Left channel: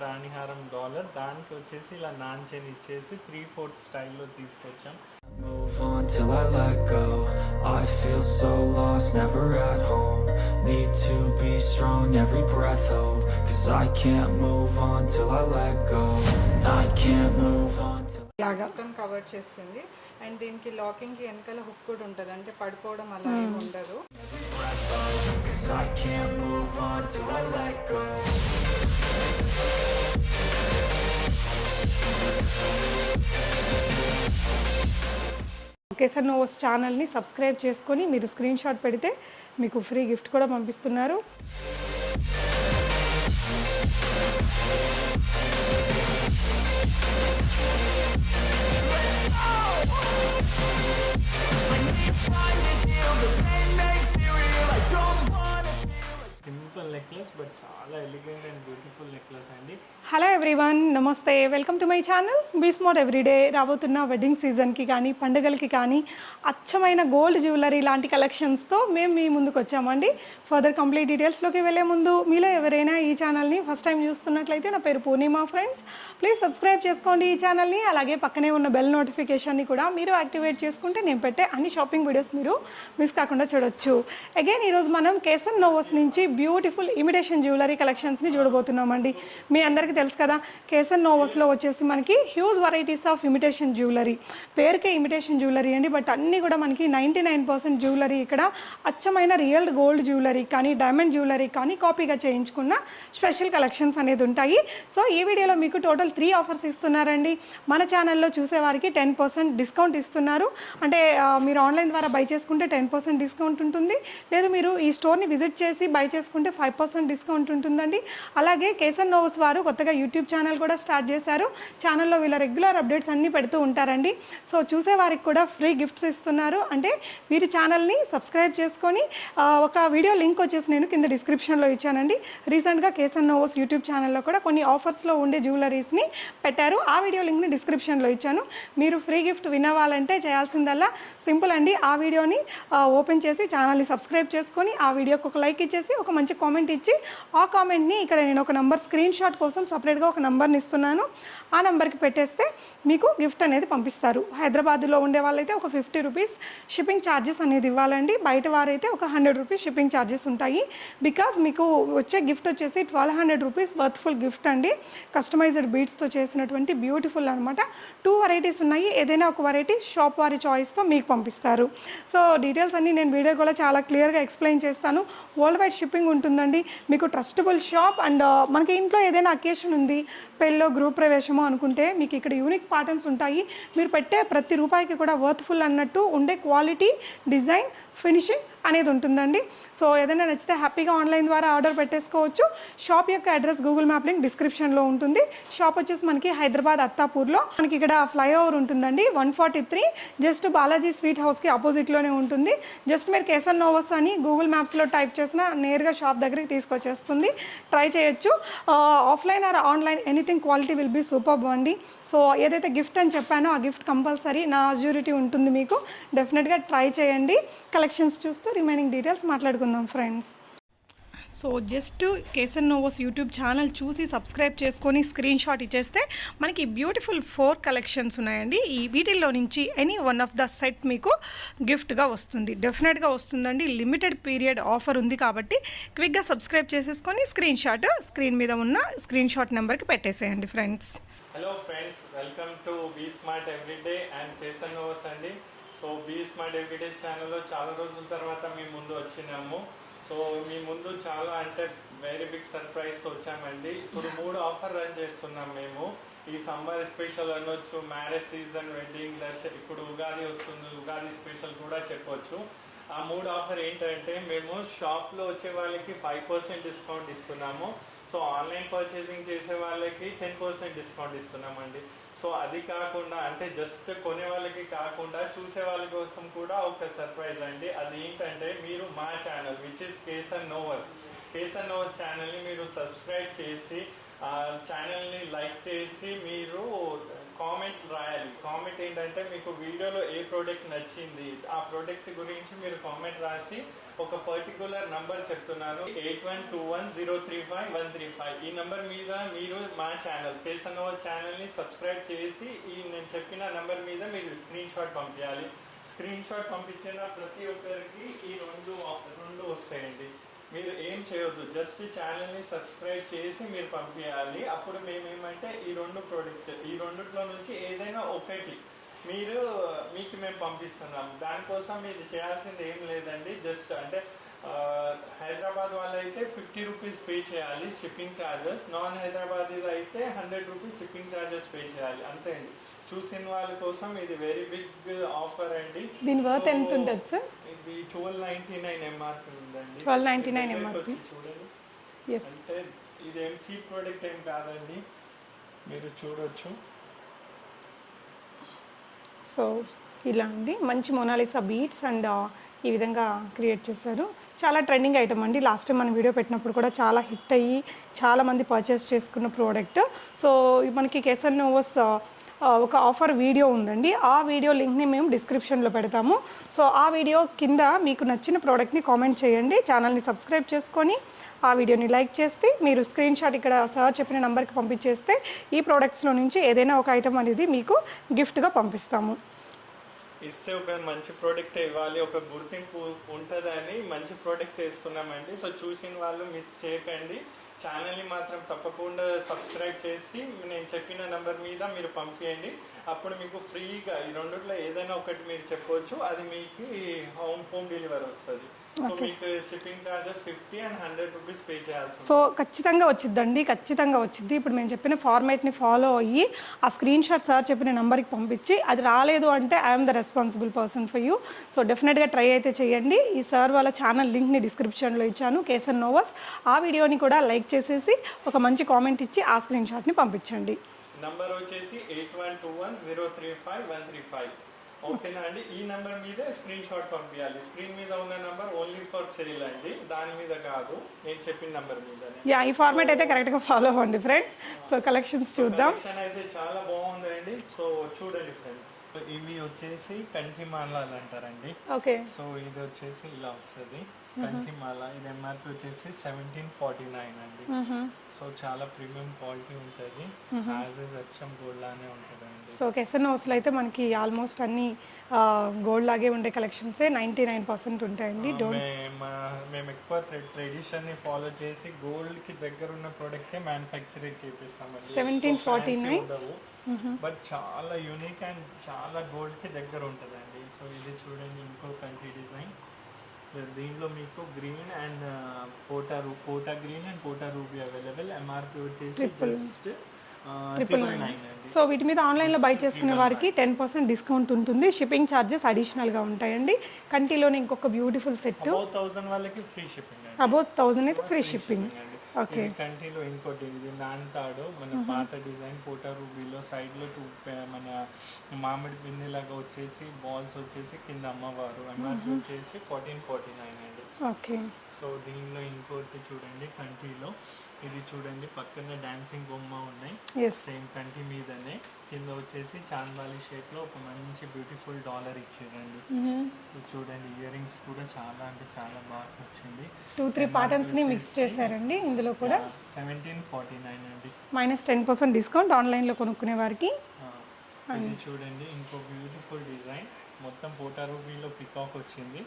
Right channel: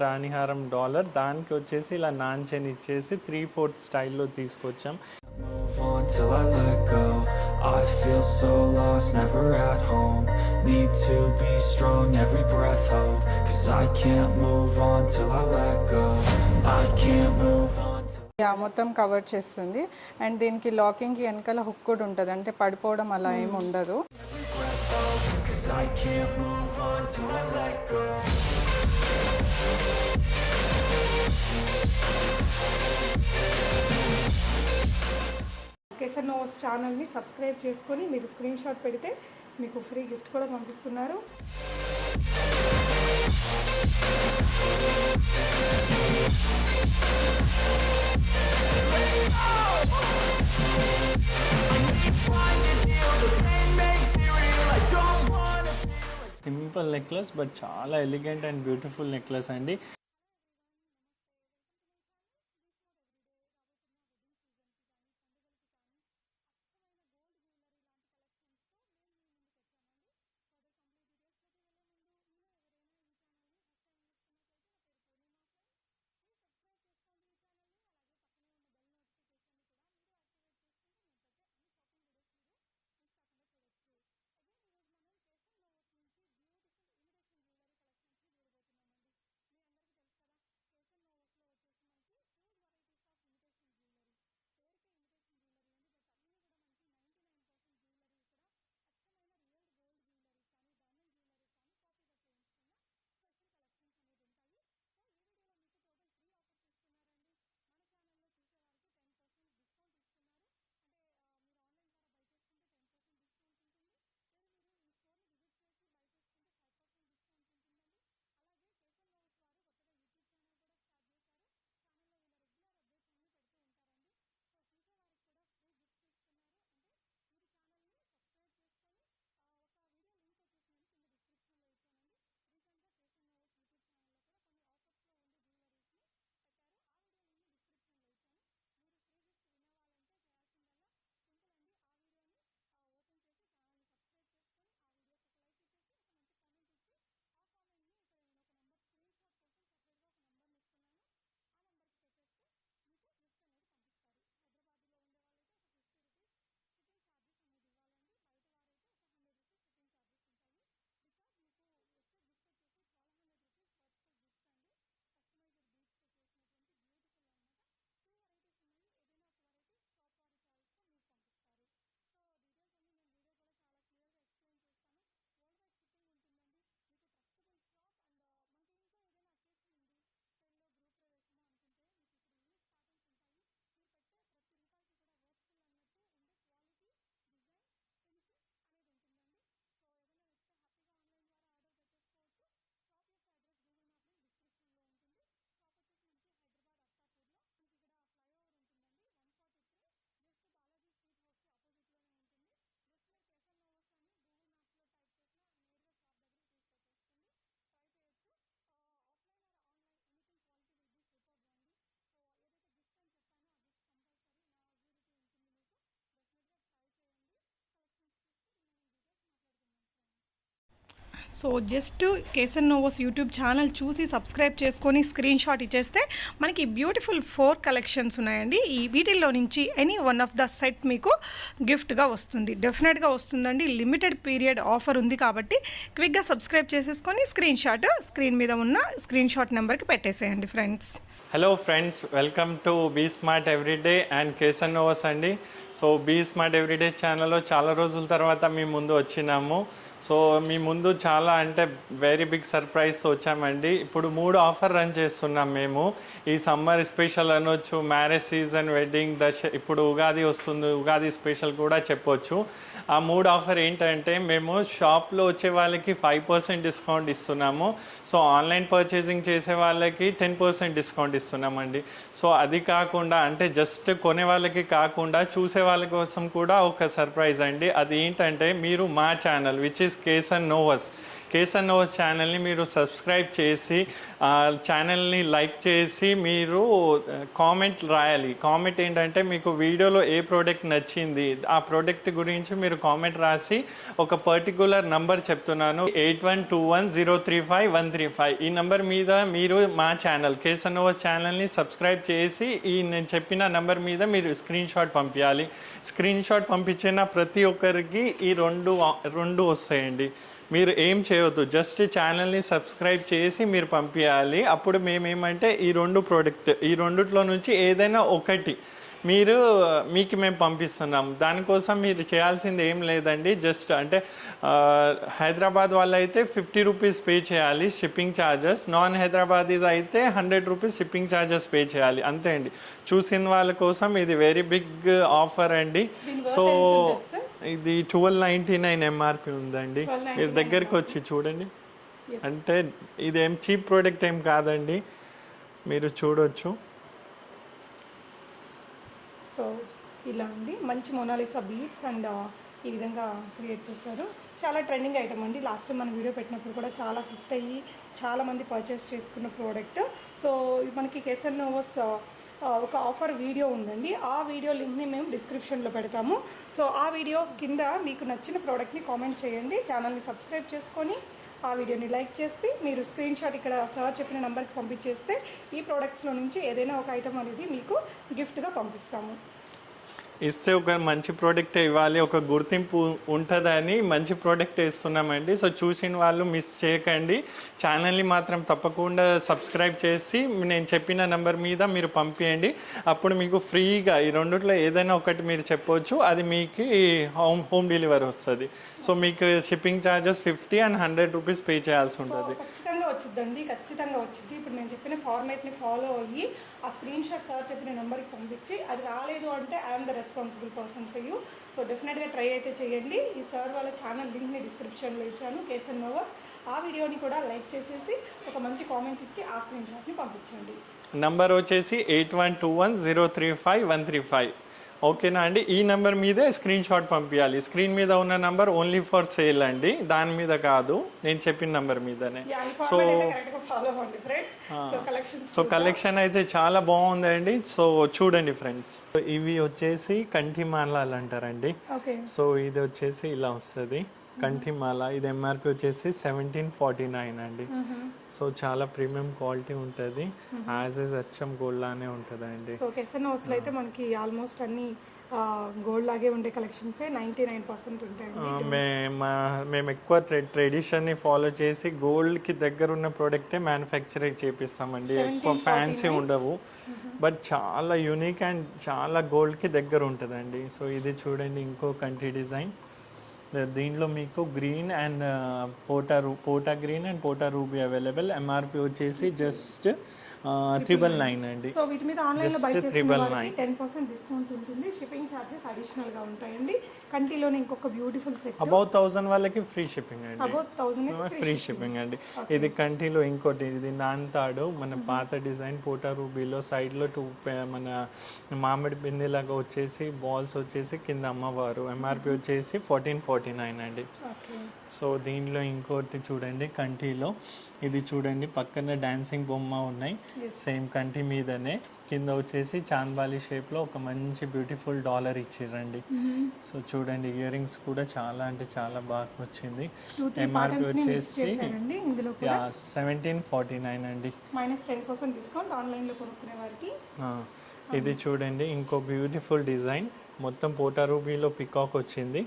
రాణిహారం dollar దానికి వచ్చేసి ఇలా నాంచెన్ ఇచ్చేసి 3/4 స్టైల్లో తీసుకొచ్చాం. Move on till I let go. I feel so lost, never at home. Need to be strong, every breath hold. 'Cause I can't move on till I let go. I can't move on till మొత్తం cover చేస్తుంది. And దీనికి లాకింగ్కి వెనకాల hook కూడా ఉంటుంది, అంటే పడిపోవడం అలా ఏమి ఉండదు. I can't move on till I let go. Kesar నోవోస్ ఛానల్ని సబ్స్క్రైబ్ చేసుకొని మీరు స్క్రీన్ షాట్ పెడితే మీకు ఫ్రీ గిఫ్ట్ కూడా పంపిస్తున్నారు. సింపుల్ నెక్లెస్ బట్ చాలా ఎలిగెంట్ అండ్ బ్యూటిఫుల్ నెక్లెస్ అండి. హలో ఎవ్రీవన్, నమస్తే, welcome to my channel be smart everyday. రాబోతున్న వెడ్డింగ్ సీజన్కి కానీ పండుగలకి కానీ అచ్చమైన గోల్డ్ జ్యువెలరీ లాంటి కలెక్షన్స్తో మేము మీ ముందుకు వచ్చామండి. ఫర్దర్ కంప్లీట్ డీటెయిల్స్లోకి వెళ్ళే ముందు మీలో ఎవరైనా ఈ ఛానల్ని ఫస్ట్ టైం చూస్తున్నట్లయితే నా పేరు పూర్ణిమ ఫ్రెండ్స్, ప్లీజ్ సబ్స్క్రైబ్ చేసుకోండి ఈ ఛానల్ని. అలాగే పక్కనే ఉన్న బెల్ నోటిఫికేషన్ని కూడా మీరు యాక్టివేట్ చేసుకుంటే నేను పెట్టే అన్ని షాపింగ్ వీడియోస్ మీరు మిస్ కాకుండా చూడొచ్చు. అగైన్ ఈరోజు మనం కేసర్ నోవోస్ నుంచి బ్యూటిఫుల్ ఇమిటేషన్ జ్యువెలరీ కలెక్షన్స్ని చూడబోతున్నామండి. మీ అందరికీ తెలుసు కదా, కేసర్ నోవోస్లో వచ్చేసి మనకి huge varieties of imitation jewellery. పేరుకే ఇమిటేషన్ జ్యువెలరీ అండి, బట్ అన్నీ కూడా మనకి 99% జ్యువెలరీ ఇక్కడ అచ్చమైన రియల్ గోల్డ్ జ్యువెలరీ కానీ డైమండ్ జ్యువెలరీ కానీ కాపీగా చేయించుకున్న స్పెషల్ కలెక్షన్స్ అనేది ఉంటాయి. సో ఈ వీడియోలో మీకు టోటల్ 3 ఆఫర్స్ ఇస్తున్నారండి. మన ఛానల్లో చూసేవారికి 10% డిస్కౌంట్ ఇస్తున్నారు. అంటే మీరు ఆన్లైన్ ద్వారా బై చేసుకుంటే 10% డిస్కౌంట్ ఉంటుంది, లేదు మీరు ఈ స్టోర్ని విజిట్ చేసి బై చేసుకుంటే 5% డిస్కౌంట్ ఉంటుందండి. అలాగే కేసర్ నోవోస్ వారు కొత్తగా యూట్యూబ్ ఛానల్ కూడా స్టార్ట్ చేశారు. ఛానల్లో వీళ్ళ రెగ్యులర్ అప్డేట్స్ అన్నీ పెడుతూ ఉంటారండి. సో చూసే వారికి కూడా ఫ్రీ గిఫ్ట్స్ ఇస్తున్నారు. అంటే మీరు ఛానల్ని సబ్స్క్రైబ్ చేసుకొని ఒక వీడియో లింక్ వచ్చేసి నేను కింద డిస్క్రిప్షన్లో ఇచ్చానండి. రీసెంట్గా కేసర్ నోవోస్ యూట్యూబ్ ఛానల్లో కూడా కొన్ని ఆఫర్స్లో ఉండే జ్యువెలరీస్ని పెట్టారు. ఆ వీడియో లింక్ని డిస్క్రిప్షన్లో ఇచ్చాను. మీరు ఫ్రీ గిఫ్ట్ విన్ అవ్వాలంటే చేయాల్సిందల్లా సింపుల్ అండి. ఆ వీడియోని ఓపెన్ చేసి ఛానల్ని సబ్స్క్రైబ్ చేసుకొని ఆ వీడియోకి ఒక లైక్ ఇచ్చేసి ఒక మంచి కామెంట్ ఇచ్చి ఆ కామెంట్ని ఇక్కడ నేను ఒక నంబర్ స్క్రీన్ షాట్ కోసం సపరేట్గా ఒక నంబర్ని ఇస్తున్నాను. ఆ నెంబర్కి పెట్టేస్తే మీకు గిఫ్ట్ అనేది పంపిస్తారు. హైదరాబాద్లో ఉండే వాళ్ళైతే ఒక 50 రూపీస్ షిప్పింగ్ ఛార్జెస్ అనేది ఇవ్వాలండి. బయట వారైతే ఒక 100 రూపీస్ షిప్పింగ్ ఛార్జెస్ ఉంటాయి. బికాజ్ మీకు వచ్చే గిఫ్ట్ వచ్చేసి 1200 రూపీస్ వర్త్ఫుల్ గిఫ్ట్ అండి. కస్టమైజ్డ్ బీడ్స్తో చేసినటువంటి బ్యూటిఫుల్ అనమాట. 2 వెరైటీస్ ఉన్నాయి. ఏదైనా ఒక వెరైటీ షాప్ వారి చాయిస్తో మీకు పంపిస్తారు. సో డీటెయిల్స్ అన్నీ నేను వీడియో కూడా చాలా క్లియర్గా ఎక్స్ప్లెయిన్ చేస్తాను. వరల్డ్ వైడ్ షిప్పింగ్ ఉంటుందండి. మీకు ట్రస్టబుల్ షాప్. అండ్ మనకి ఇంట్లో ఏదైనా అకేషన్ ఉంది, పెళ్ళో గృహ ప్రవేశమో అనుకుంటే మీకు ఇక్కడ యూనిక్ ప్యాటర్న్స్ ఉంటాయి. మీరు పెట్టే ప్రతి రూపాయికి కూడా వర్త్ఫుల్ అన్నట్టు ఉండే క్వాలిటీ, డిజైన్, ఫినిషింగ్ అనేది ఉంటుందండి. సో ఏదైనా నచ్చితే హ్యాపీగా ఆన్లైన్ ద్వారా ఆర్డర్ పెట్టేసుకోవచ్చు. షాప్ యొక్క అడ్రస్ గూగుల్ మ్యాప్ లింక్ డిస్క్రిప్షన్లో ఉంటుంది. షాప్ వచ్చేసి మనకి హైదరాబాద్ అత్తాపూర్లో మనకి ఇక్కడ ఫ్లైఓవర్ ఉంటుందండి 143, జస్ట్ బాలాజీ స్వీట్ హౌస్కి ఆపోజిట్లోనే ఉంటుంది. జస్ట్ మీరు కేసర్ నోవోస్ అని గూగుల్ మ్యాప్స్లో టైప్ చేసినా నేరుగా షాప్ దగ్గరికి తీసుకొచ్చేస్తుంది. ట్రై చేయొచ్చు. Offline or online anything quality will be superb అండి. సో ఏదైతే గిఫ్ట్ అని చెప్పానో ఆ గిఫ్ట్ కంపల్సరీ నా అజ్యూరిటీ ఉంటుంది మీకు. డెఫినెట్గా ట్రై చేయండి. కలెక్షన్స్ చూస్తూ రిమైనింగ్ డీటెయిల్స్ మాట్లాడుకుందాం friends. So just Kesar Novos YouTube channel చూసి సబ్స్క్రైబ్ చేసుకొని స్క్రీన్ షాట్ ఇచ్చేస్తే మనకి బ్యూటిఫుల్ 4 కలెక్షన్స్ ఉన్నాయండి. ఈ వీటిల్లో నుంచి any one of the set మీకు గిఫ్ట్గా వస్తుంది. డెఫినెట్గా వస్తుందండి. లిమిటెడ్ పీరియడ్ ఆఫర్ ఉంది కాబట్టి క్విక్గా సబ్స్క్రైబ్ చేసేసుకొని స్క్రీన్ మీద ఉన్న స్క్రీన్ షాట్ నెంబర్కి పెట్టేసేయండి friends. Hello friends, welcome to be smart everyday and Kesar Novos అండి. సో బీ స్మార్ట్ ఎవ్రీడే ఛానల్లో చాలా రోజుల తర్వాత మీ ముందు వచ్చినాము. సో మీ ముందు చాలా అంటే వెరీ బిగ్ సర్ప్రైజ్తో వచ్చామండి. ఇప్పుడు 3 ఆఫర్ రన్ చేస్తున్నాం మేము. ఈ సమ్మర్ స్పెషల్ అనొచ్చు, మ్యారేజ్ సీజన్, వెడ్డింగ్, ఇప్పుడు ఉగాది వస్తుంది, ఉగాది స్పెషల్ కూడా చెప్పొచ్చు. ఆ 3 ఆఫర్ ఏంటంటే మేము షాప్లో వచ్చే వాళ్ళకి 5% డిస్కౌంట్ ఇస్తున్నాము. సో ఆన్లైన్ పర్చేసింగ్ చేసే వాళ్ళకి 10% డిస్కౌంట్ ఇస్తున్నామండి. సో అది కాకుండా అంటే జస్ట్ కొనే వాళ్ళకి కాకుండా చూసే వాళ్ళ కోసం కూడా ఒక సర్ప్రైజ్ అండి. అది ఏంటంటే మీరు మా ఛానల్ విచ్ ఇస్ కేసర్ నోవోస్ కేసన్ నోవస్ ఛానల్ని మీరు సబ్స్క్రైబ్ చేసి ఛానల్ని లైక్ చేసి మీరు కామెంట్ రాయాలి. కామెంట్ ఏంటంటే మీకు వీడియోలో ఏ ప్రోడక్ట్ నచ్చింది ఆ ప్రోడక్ట్ గురించి మీరు కామెంట్ రాసి ఒక పర్టికులర్ నంబర్ చెప్తున్నాను 8121035135 ఈ నంబర్ మీద మీరు మా ఛానల్ కేసన్ నోవస్ ఛానల్ని సబ్స్క్రైబ్ చేసి ఈ నేను చెప్పిన నంబర్ మీద మీరు స్క్రీన్ షాట్ పంపించాలి. స్క్రీన్ షాట్ పంపించిన ప్రతి ఒక్కరికి ఈ రెండు వస్తాయండి. మీరు ఏం చేయవద్దు, జస్ట్ ఛానల్ని సబ్స్క్రైబ్ చేసి మీరు పంపించాలి. అప్పుడు మేమేమంటే ఈ రెండిట్లో నుంచి ఏదైనా ఒకటి మీకు మేము పంపిస్తున్నాం. దానికోసం మీరు చేయాల్సింది ఏం లేదండి, జస్ట్ అంటే హైదరాబాద్ వాళ్ళు అయితే 50 రూపీస్ పే చేయాలి షిప్పింగ్ ఛార్జెస్, నాన్ హైదరాబాదీస్ అయితే 100 రూపీస్ షిప్పింగ్ ఛార్జెస్ పే చేయాలి, అంతే అండి. చూసిన వాళ్ళ కోసం ఇది వెరీ బిగ్ ఆఫర్ అండి. సో ఇది 1299 ఎంఆర్పి ఉందండి. మీరు దగ్గరికి వచ్చి చూడండి, అంటే ఇదేం చీప్ ప్రోడక్ట్ ఏం కాదండి, మీరు చూడొచ్చు. సో ఇలా అండి మంచి మొనాలిసా బీట్స్ అండ్ ఈ విధంగా క్రియేట్ చేశారు. చాలా ట్రెండింగ్ ఐటమ్ అండి. లాస్ట్ టైం మనం వీడియో పెట్టినప్పుడు కూడా చాలా హిట్ అయ్యి చాలామంది పర్చేస్ చేసుకున్న ప్రోడక్ట్. సో మనకి కేసన్ నోవస్ ఒక ఆఫర్ వీడియో ఉందండి, ఆ వీడియో లింక్ని మేము డిస్క్రిప్షన్లో పెడతాము. సో ఆ వీడియో కింద మీకు నచ్చిన ప్రోడక్ట్ని కామెంట్ చేయండి, ఛానల్ని సబ్స్క్రైబ్ చేసుకొని ఆ వీడియోని లైక్ చేస్తే మీరు స్క్రీన్ షాట్ ఇక్కడ సార్ చెప్పిన నెంబర్కి పంపించేస్తే ఈ ప్రోడక్ట్స్లో నుంచి ఏదైనా ఒక ఐటమ్ అనేది మీకు గిఫ్ట్గా పంపిస్తాము. ఇస్తే ఒక మంచి ప్రోడక్ట్ ఇవ్వాలి, ఒక గుర్తింపు ఉంటుందని మంచి ప్రోడక్ట్ ఇస్తున్నామండి. సో చూసిన వాళ్ళు మిస్ చేయకండి, ఛానల్ని మాత్రం తప్పకుండా సబ్స్క్రైబ్ చేసి నేను చెప్పిన నెంబర్ మీద మీరు పంపించండి. అప్పుడు మీకు ఫ్రీగా ఈ రెండిట్లో ఏదైనా ఒకటి మీరు చెప్పవచ్చు, అది మీకు హోమ్ డెలివరీ వస్తుంది. సో మీకు shipping charges 50 and 100 rupees pay చేయాల్సి ఉంటుంది. సో ఖచ్చితంగా వచ్చిందండి, ఖచ్చితంగా వచ్చింది. ఇప్పుడు మేము చెప్పిన ఫార్మేట్ని ఫాలో అయ్యి ఆ స్క్రీన్ షాట్ సార్ చెప్పిన నెంబర్కి పంపించి అది రాలేదు అంటే I'm the responsible person for you. So డెఫినెట్గా ట్రై అయితే చేయండి. ఈ సార్ వాళ్ళ ఛానల్ లింక్ని డిస్క్రిప్షన్లో ఇచ్చాను, కేసన్ నోవస్. ఆ వీడియోని కూడా లైక్ చేసేసి ఒక మంచి కామెంట్ ఇచ్చి ఆ స్క్రీన్ షాట్ని పంపించండి. నంబర్ వచ్చేసి 8121035135. ఓకేనా అండి? ఈ నెంబర్ మీదే స్క్రీన్ షాట్ పంపించాలి. స్క్రీన్ మీద ఉన్న నెంబర్ ఓన్లీ ఫర్ సేల్ అండి, దాని మీద కాదు, నేను చెప్పిన నెంబర్ మీదనే. ఈ ఫార్మాట్ అయితే కరెక్ట్ గా ఫాలో అవ్వండి ఫ్రెండ్స్. సో కలెక్షన్ అయితే చాలా బాగుందండి. సో చూడండి ఫ్రెండ్స్, ఇవి వచ్చేసి కంఠిమాలాలు అంటారండి. సో ఇది వచ్చేసి ఇలా వస్తుంది కంఠిమాల. ఇది ఎంఆర్పి వచ్చేసి 1749 అండి. సో చాలా ప్రీమియం క్వాలిటీ ఉంటుంది, యాజ్ ఇస్ అచ్చం గోల్డ్ లానే ఉంటుంది అండి. సో కేసన్ నోవస్ లో అయితే మనకి ఆల్మోస్ట్ అన్ని గోల్డ్ లాగే ఉండే కలెక్షన్స్ 99% ఉంటాయండి. మేము ఎక్కువ ట్రెడిషన్ ని ఫాలో చేసి గోల్డ్ కి దగ్గర ఉన్న ప్రోడక్టే మ్యానుఫ్యాక్చరింగ్ చేపిస్తామండి. ఎక్కువ ఫ్యాన్సీ ఉండవు, బట్ చాలా యూనిక్ అండ్ చాలా గోల్డ్ కి దగ్గర ఉంటుందండి. సో ఇది చూడండి, ఇంకో కంటి డిజైన్. దీంట్లో మీకు గ్రీన్ అండ్ పోటా గ్రీన్ అండ్ పోటా రూబీ అవైలబుల్. ఎంఆర్పి వచ్చేసి జస్ట్ 999 అండి. సో వీటి మీద ఆన్లైన్ లో బై చేసుకున్న వారికి 10% డిస్కౌంట్ ఉంటుంది. షిప్పింగ్ ఛార్జెస్ అడిషనల్ గా ఉంటాయండి. కంటిలోనే ఇంకొక బ్యూటిఫుల్ సెట్ అబౌట్ 1000 వాళ్ళకి ఫ్రీ షిప్పింగ్ అండి. అబౌట్ 1000 అయితే ఫ్రీ షిప్పింగ్ అండి. ఇది కంటిలో ఇంకోటి, ఇది నాన్తాడు మన పాత డిజైన్ పోటా రూబీలో సైడ్ లో మన మామిడి బిందె లాగా వచ్చేసి బాల్స్ వచ్చేసి కింద అమ్మవారు. ఎంఆర్పి వచ్చేసి 1449 అండి. ఓకే. సో దీనిలో ఇంకోటి చూడండి, కంటిలో ఇది చూడండి, పక్కన డాన్సింగ్ బొమ్మ ఉన్నాయి, సేమ్ కంటి మీదనే. కింద వచ్చేసి చాంద్బాలి షేప్ లో ఒక మంచి బ్యూటిఫుల్ డాలర్ ఇచ్చిర్రండి. సో చూడండి, ఇయర్ రింగ్స్ కూడా చాలా అంటే చాలా బాగా వచ్చింది. 2-3 ప్యాటర్న్స్ ని మిక్స్ చేశారండి ఇందులో కూడా. 1749 అండి, -10% డిస్కౌంట్ ఆన్లైన్ లో కొనుక్కునే వారికి. ఇది చూడండి, ఇంకో బ్యూటిఫుల్ డిజైన్, మొత్తం పోటా రూబీలో పికాక్ వచ్చింది.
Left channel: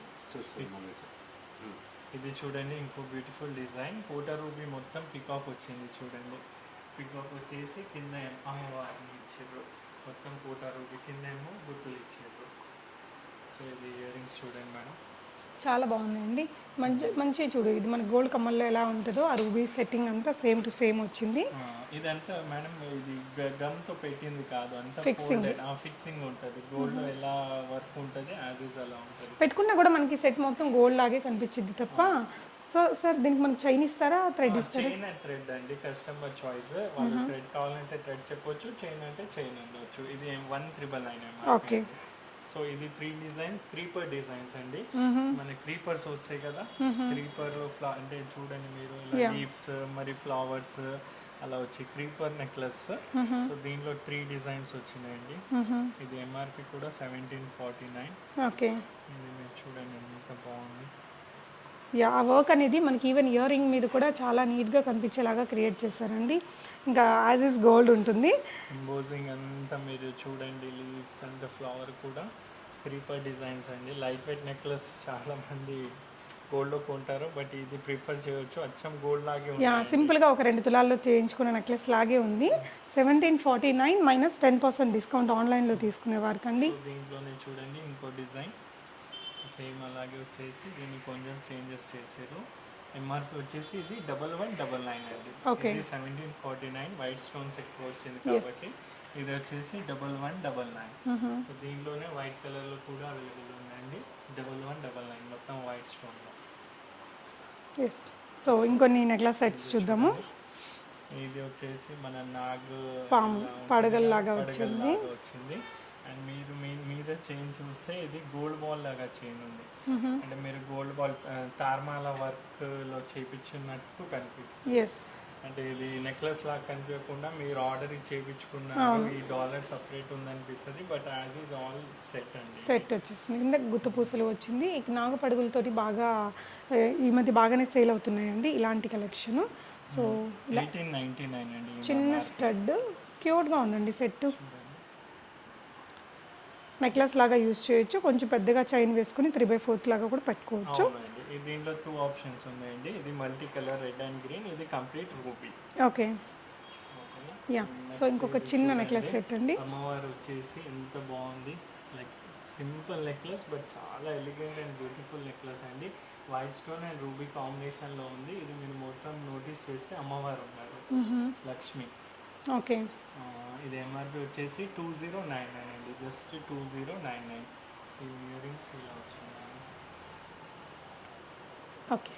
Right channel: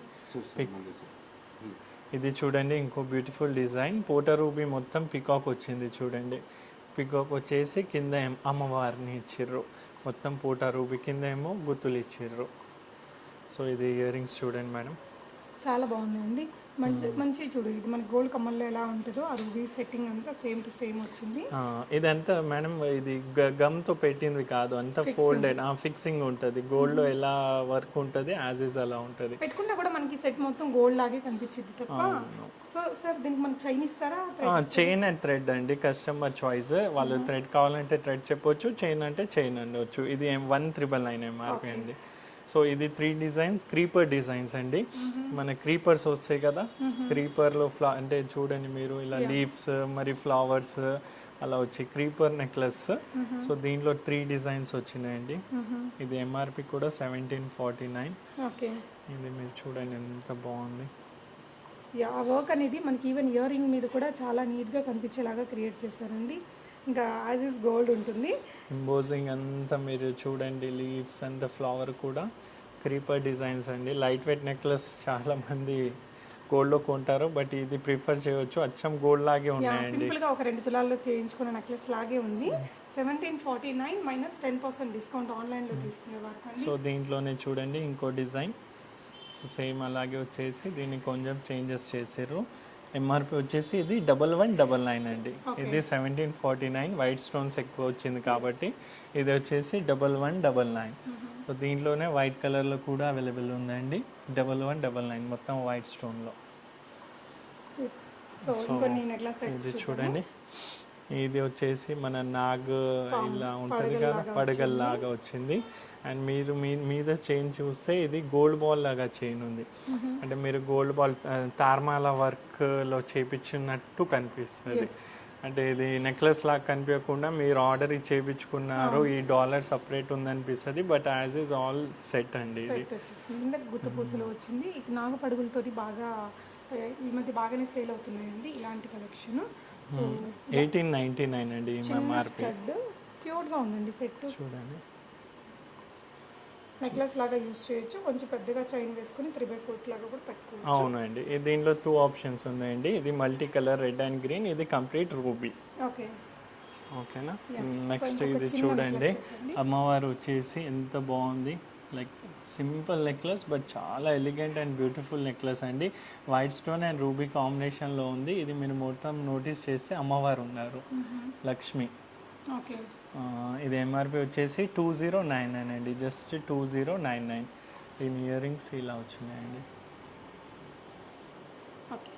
ఇది చూడండి, ఇంకో బ్యూటిఫుల్ డిజైన్, పోటా రూబీ మొత్తం పికాక్ వచ్చింది. చూడండి, పికాక్ వచ్చేసి కింద అమ్మవారిని ఇచ్చిర్రు, మొత్తం పోటా రూబీ కింద ఏమో గుత్తులు ఇచ్చిర్రు. సో ఇది ఇయర్ రింగ్స్ చూడండి మేడం, చాలా బాగుందండి. మంచి చూడు, ఇది మన గోల్డ్ కమ్మల్లో ఎలా ఉంటుందో ఆ రూబీ సెట్టింగ్ అంతా సేమ్ టు సేమ్ వచ్చింది. ఇదంతా మేడం ఇది గమ్ తో పెట్టింది కాదు, అంతా ఫోల్డెడ్ ఫిక్సింగ్ ఉంటుంది. గోల్డ్ లో ఎలా వర్క్ ఉంటుంది యాజ్ ఇస్ అలా ఉంటుంది. పెట్టుకున్నా కూడా మనకి సెట్ మొత్తం గోల్డ్ లాగే కనిపించింది తప్ప. సో సార్ దీనికి మనకి చైన్ ఇస్తారా? చైన్ అండ్ థ్రెడ్ అండి, కస్టమర్ చాయిస్. వాళ్ళు థ్రెడ్ కావాలంటే థ్రెడ్ చెప్పొచ్చు, చైన్ అంటే చైన్ అనవచ్చు. ఇది 1999 ఎంఆర్పి అండి. సో ఇది 3 డిజైన్ క్రీపర్ డిజైన్స్ అండి. మన క్రీపర్స్ వస్తాయి కదా, క్రీపర్లో అంటే చూడండి మీరు ఇలా లీవ్స్ మరి ఫ్లవర్స్ అలా వచ్చి క్రీపర్ నెక్లెస్. సో దీంట్లో 3 డిజైన్స్ వచ్చినాయండి. ఇది ఎంఆర్పి కూడా 1749. ఓకే, ఇది మీరు చూడండి ఎంత బాగుంది. యా, ఆ వర్క్ అనేది మనకి ఈవెన్ ఇయర్ రింగ్ మీద కూడా చాలా నీట్గా కనిపించేలాగా క్రియేట్ చేశారండి. ఇంకా యాజ్ ఇస్ గోల్డ్ ఉంటుంది. ఎంబోజింగ్ అంతా మీరు చూడండి, లీవ్స్ అండ్ ఫ్లవర్ కూడా క్రీపర్ డిజైన్స్ అండి. లైట్ వెయిట్ నెక్లెస్ చాలా మంది గోల్డ్లో కొంటారు, బట్ ఇది ప్రిఫర్ చేయవచ్చు. అచ్చం గోల్డ్ లాగే యా, ఉన్నాయి. సింపుల్గా ఒక 2 తులాల్లో చేయించుకున్న నెక్లెస్ లాగే ఉంది. 1749 మైనస్ 10% డిస్కౌంట్ ఆన్లైన్లో తీసుకునే వారికి అండి. సో దీంట్లోనే చూడండి ఇంకో డిజైన్. సో సేమ్ అలాగే వచ్చేసి దీన్ని కొంచెం చేంజెస్ చేసారు. ఎంఆర్పి వచ్చేసి ఇది 1199 అండి. ఇది 1749. వైట్ స్టోన్స్ ఎక్కువ వచ్చింది కాబట్టి ఇది వచ్చేసి 1199. సో దీంట్లోనే వైట్ కలర్లో కూడా అవైలబుల్ ఉందండి. 1199 మొత్తం వైట్ స్టోన్లో. సో ఇంకొన్ని నెక్లెస్ సెట్స్ చూద్దాము. ఇది వచ్చేసి మన నాగ్ ఇలా పడగల్లాగా వచ్చింది. అండ్ మీరు మీద చైన్ చూస్తే ఇది గోల్డ్ బాల్ లాగా చైన్ ఉంది. అంటే మీరు గోల్డ్ బాల్ తార్మాల వర్క్లో చేపించినట్టు కనిపిస్తుంది. అంటే ఇది నెక్లెస్ లాగా కనిపించకుండా మీరు ఆర్డర్ చేయించుకున్నారు, ఈ డాలర్ సపరేట్ ఉందనిపిస్తుంది. But as is all set అండి. సెట్ వచ్చేసింది, గుత్త పూసలు వచ్చింది. నాగు పడుగులతోటి బాగా ఈ మధ్య బాగానే సేల్ అవుతున్నాయండి ఇలాంటి కలెక్షన్. సో 1899 అండి. చిన్న స్టడ్ క్యూట్గా ఉందండి సెట్. చూడండి, నెక్లెస్ లాగా యూజ్ చేయొచ్చు. కొంచెం పెద్దగా చైన్ వేసుకుని 3/4 లాగా కూడా పెట్టుకోవచ్చు. అవునండి. దీంట్లో 2 ఆప్షన్స్ ఉన్నాయండి. ఇది multi colour red and green, ఇది కంప్లీట్ రూబీ. ఓకే, ఓకేనా. సో నెక్స్ట్ ఇంకొక ఇది చిన్న చూడండి, నెక్లెస్ సెట్ అండి. అమ్మవారు వచ్చేసి ఎంత బాగుంది. లైక్ సింపుల్ నెక్లెస్ బట్ చాలా ఎలిగెంట్ అండ్ బ్యూటిఫుల్ నెక్లెస్ అండి. వైట్ స్టోన్ అండ్ రూబీ కాంబినేషన్లో ఉంది. ఇది మీరు మొత్తం నోటీస్ చేస్తే అమ్మవారు ఉన్నారు, లక్ష్మి. ఓకే, ఇది ఎంఆర్పి వచ్చేసి 2099 అండి. జస్ట్ 2099. దీని ఇయర్ రింగ్స్ ఇలా వచ్చినాయండి. ఓకే,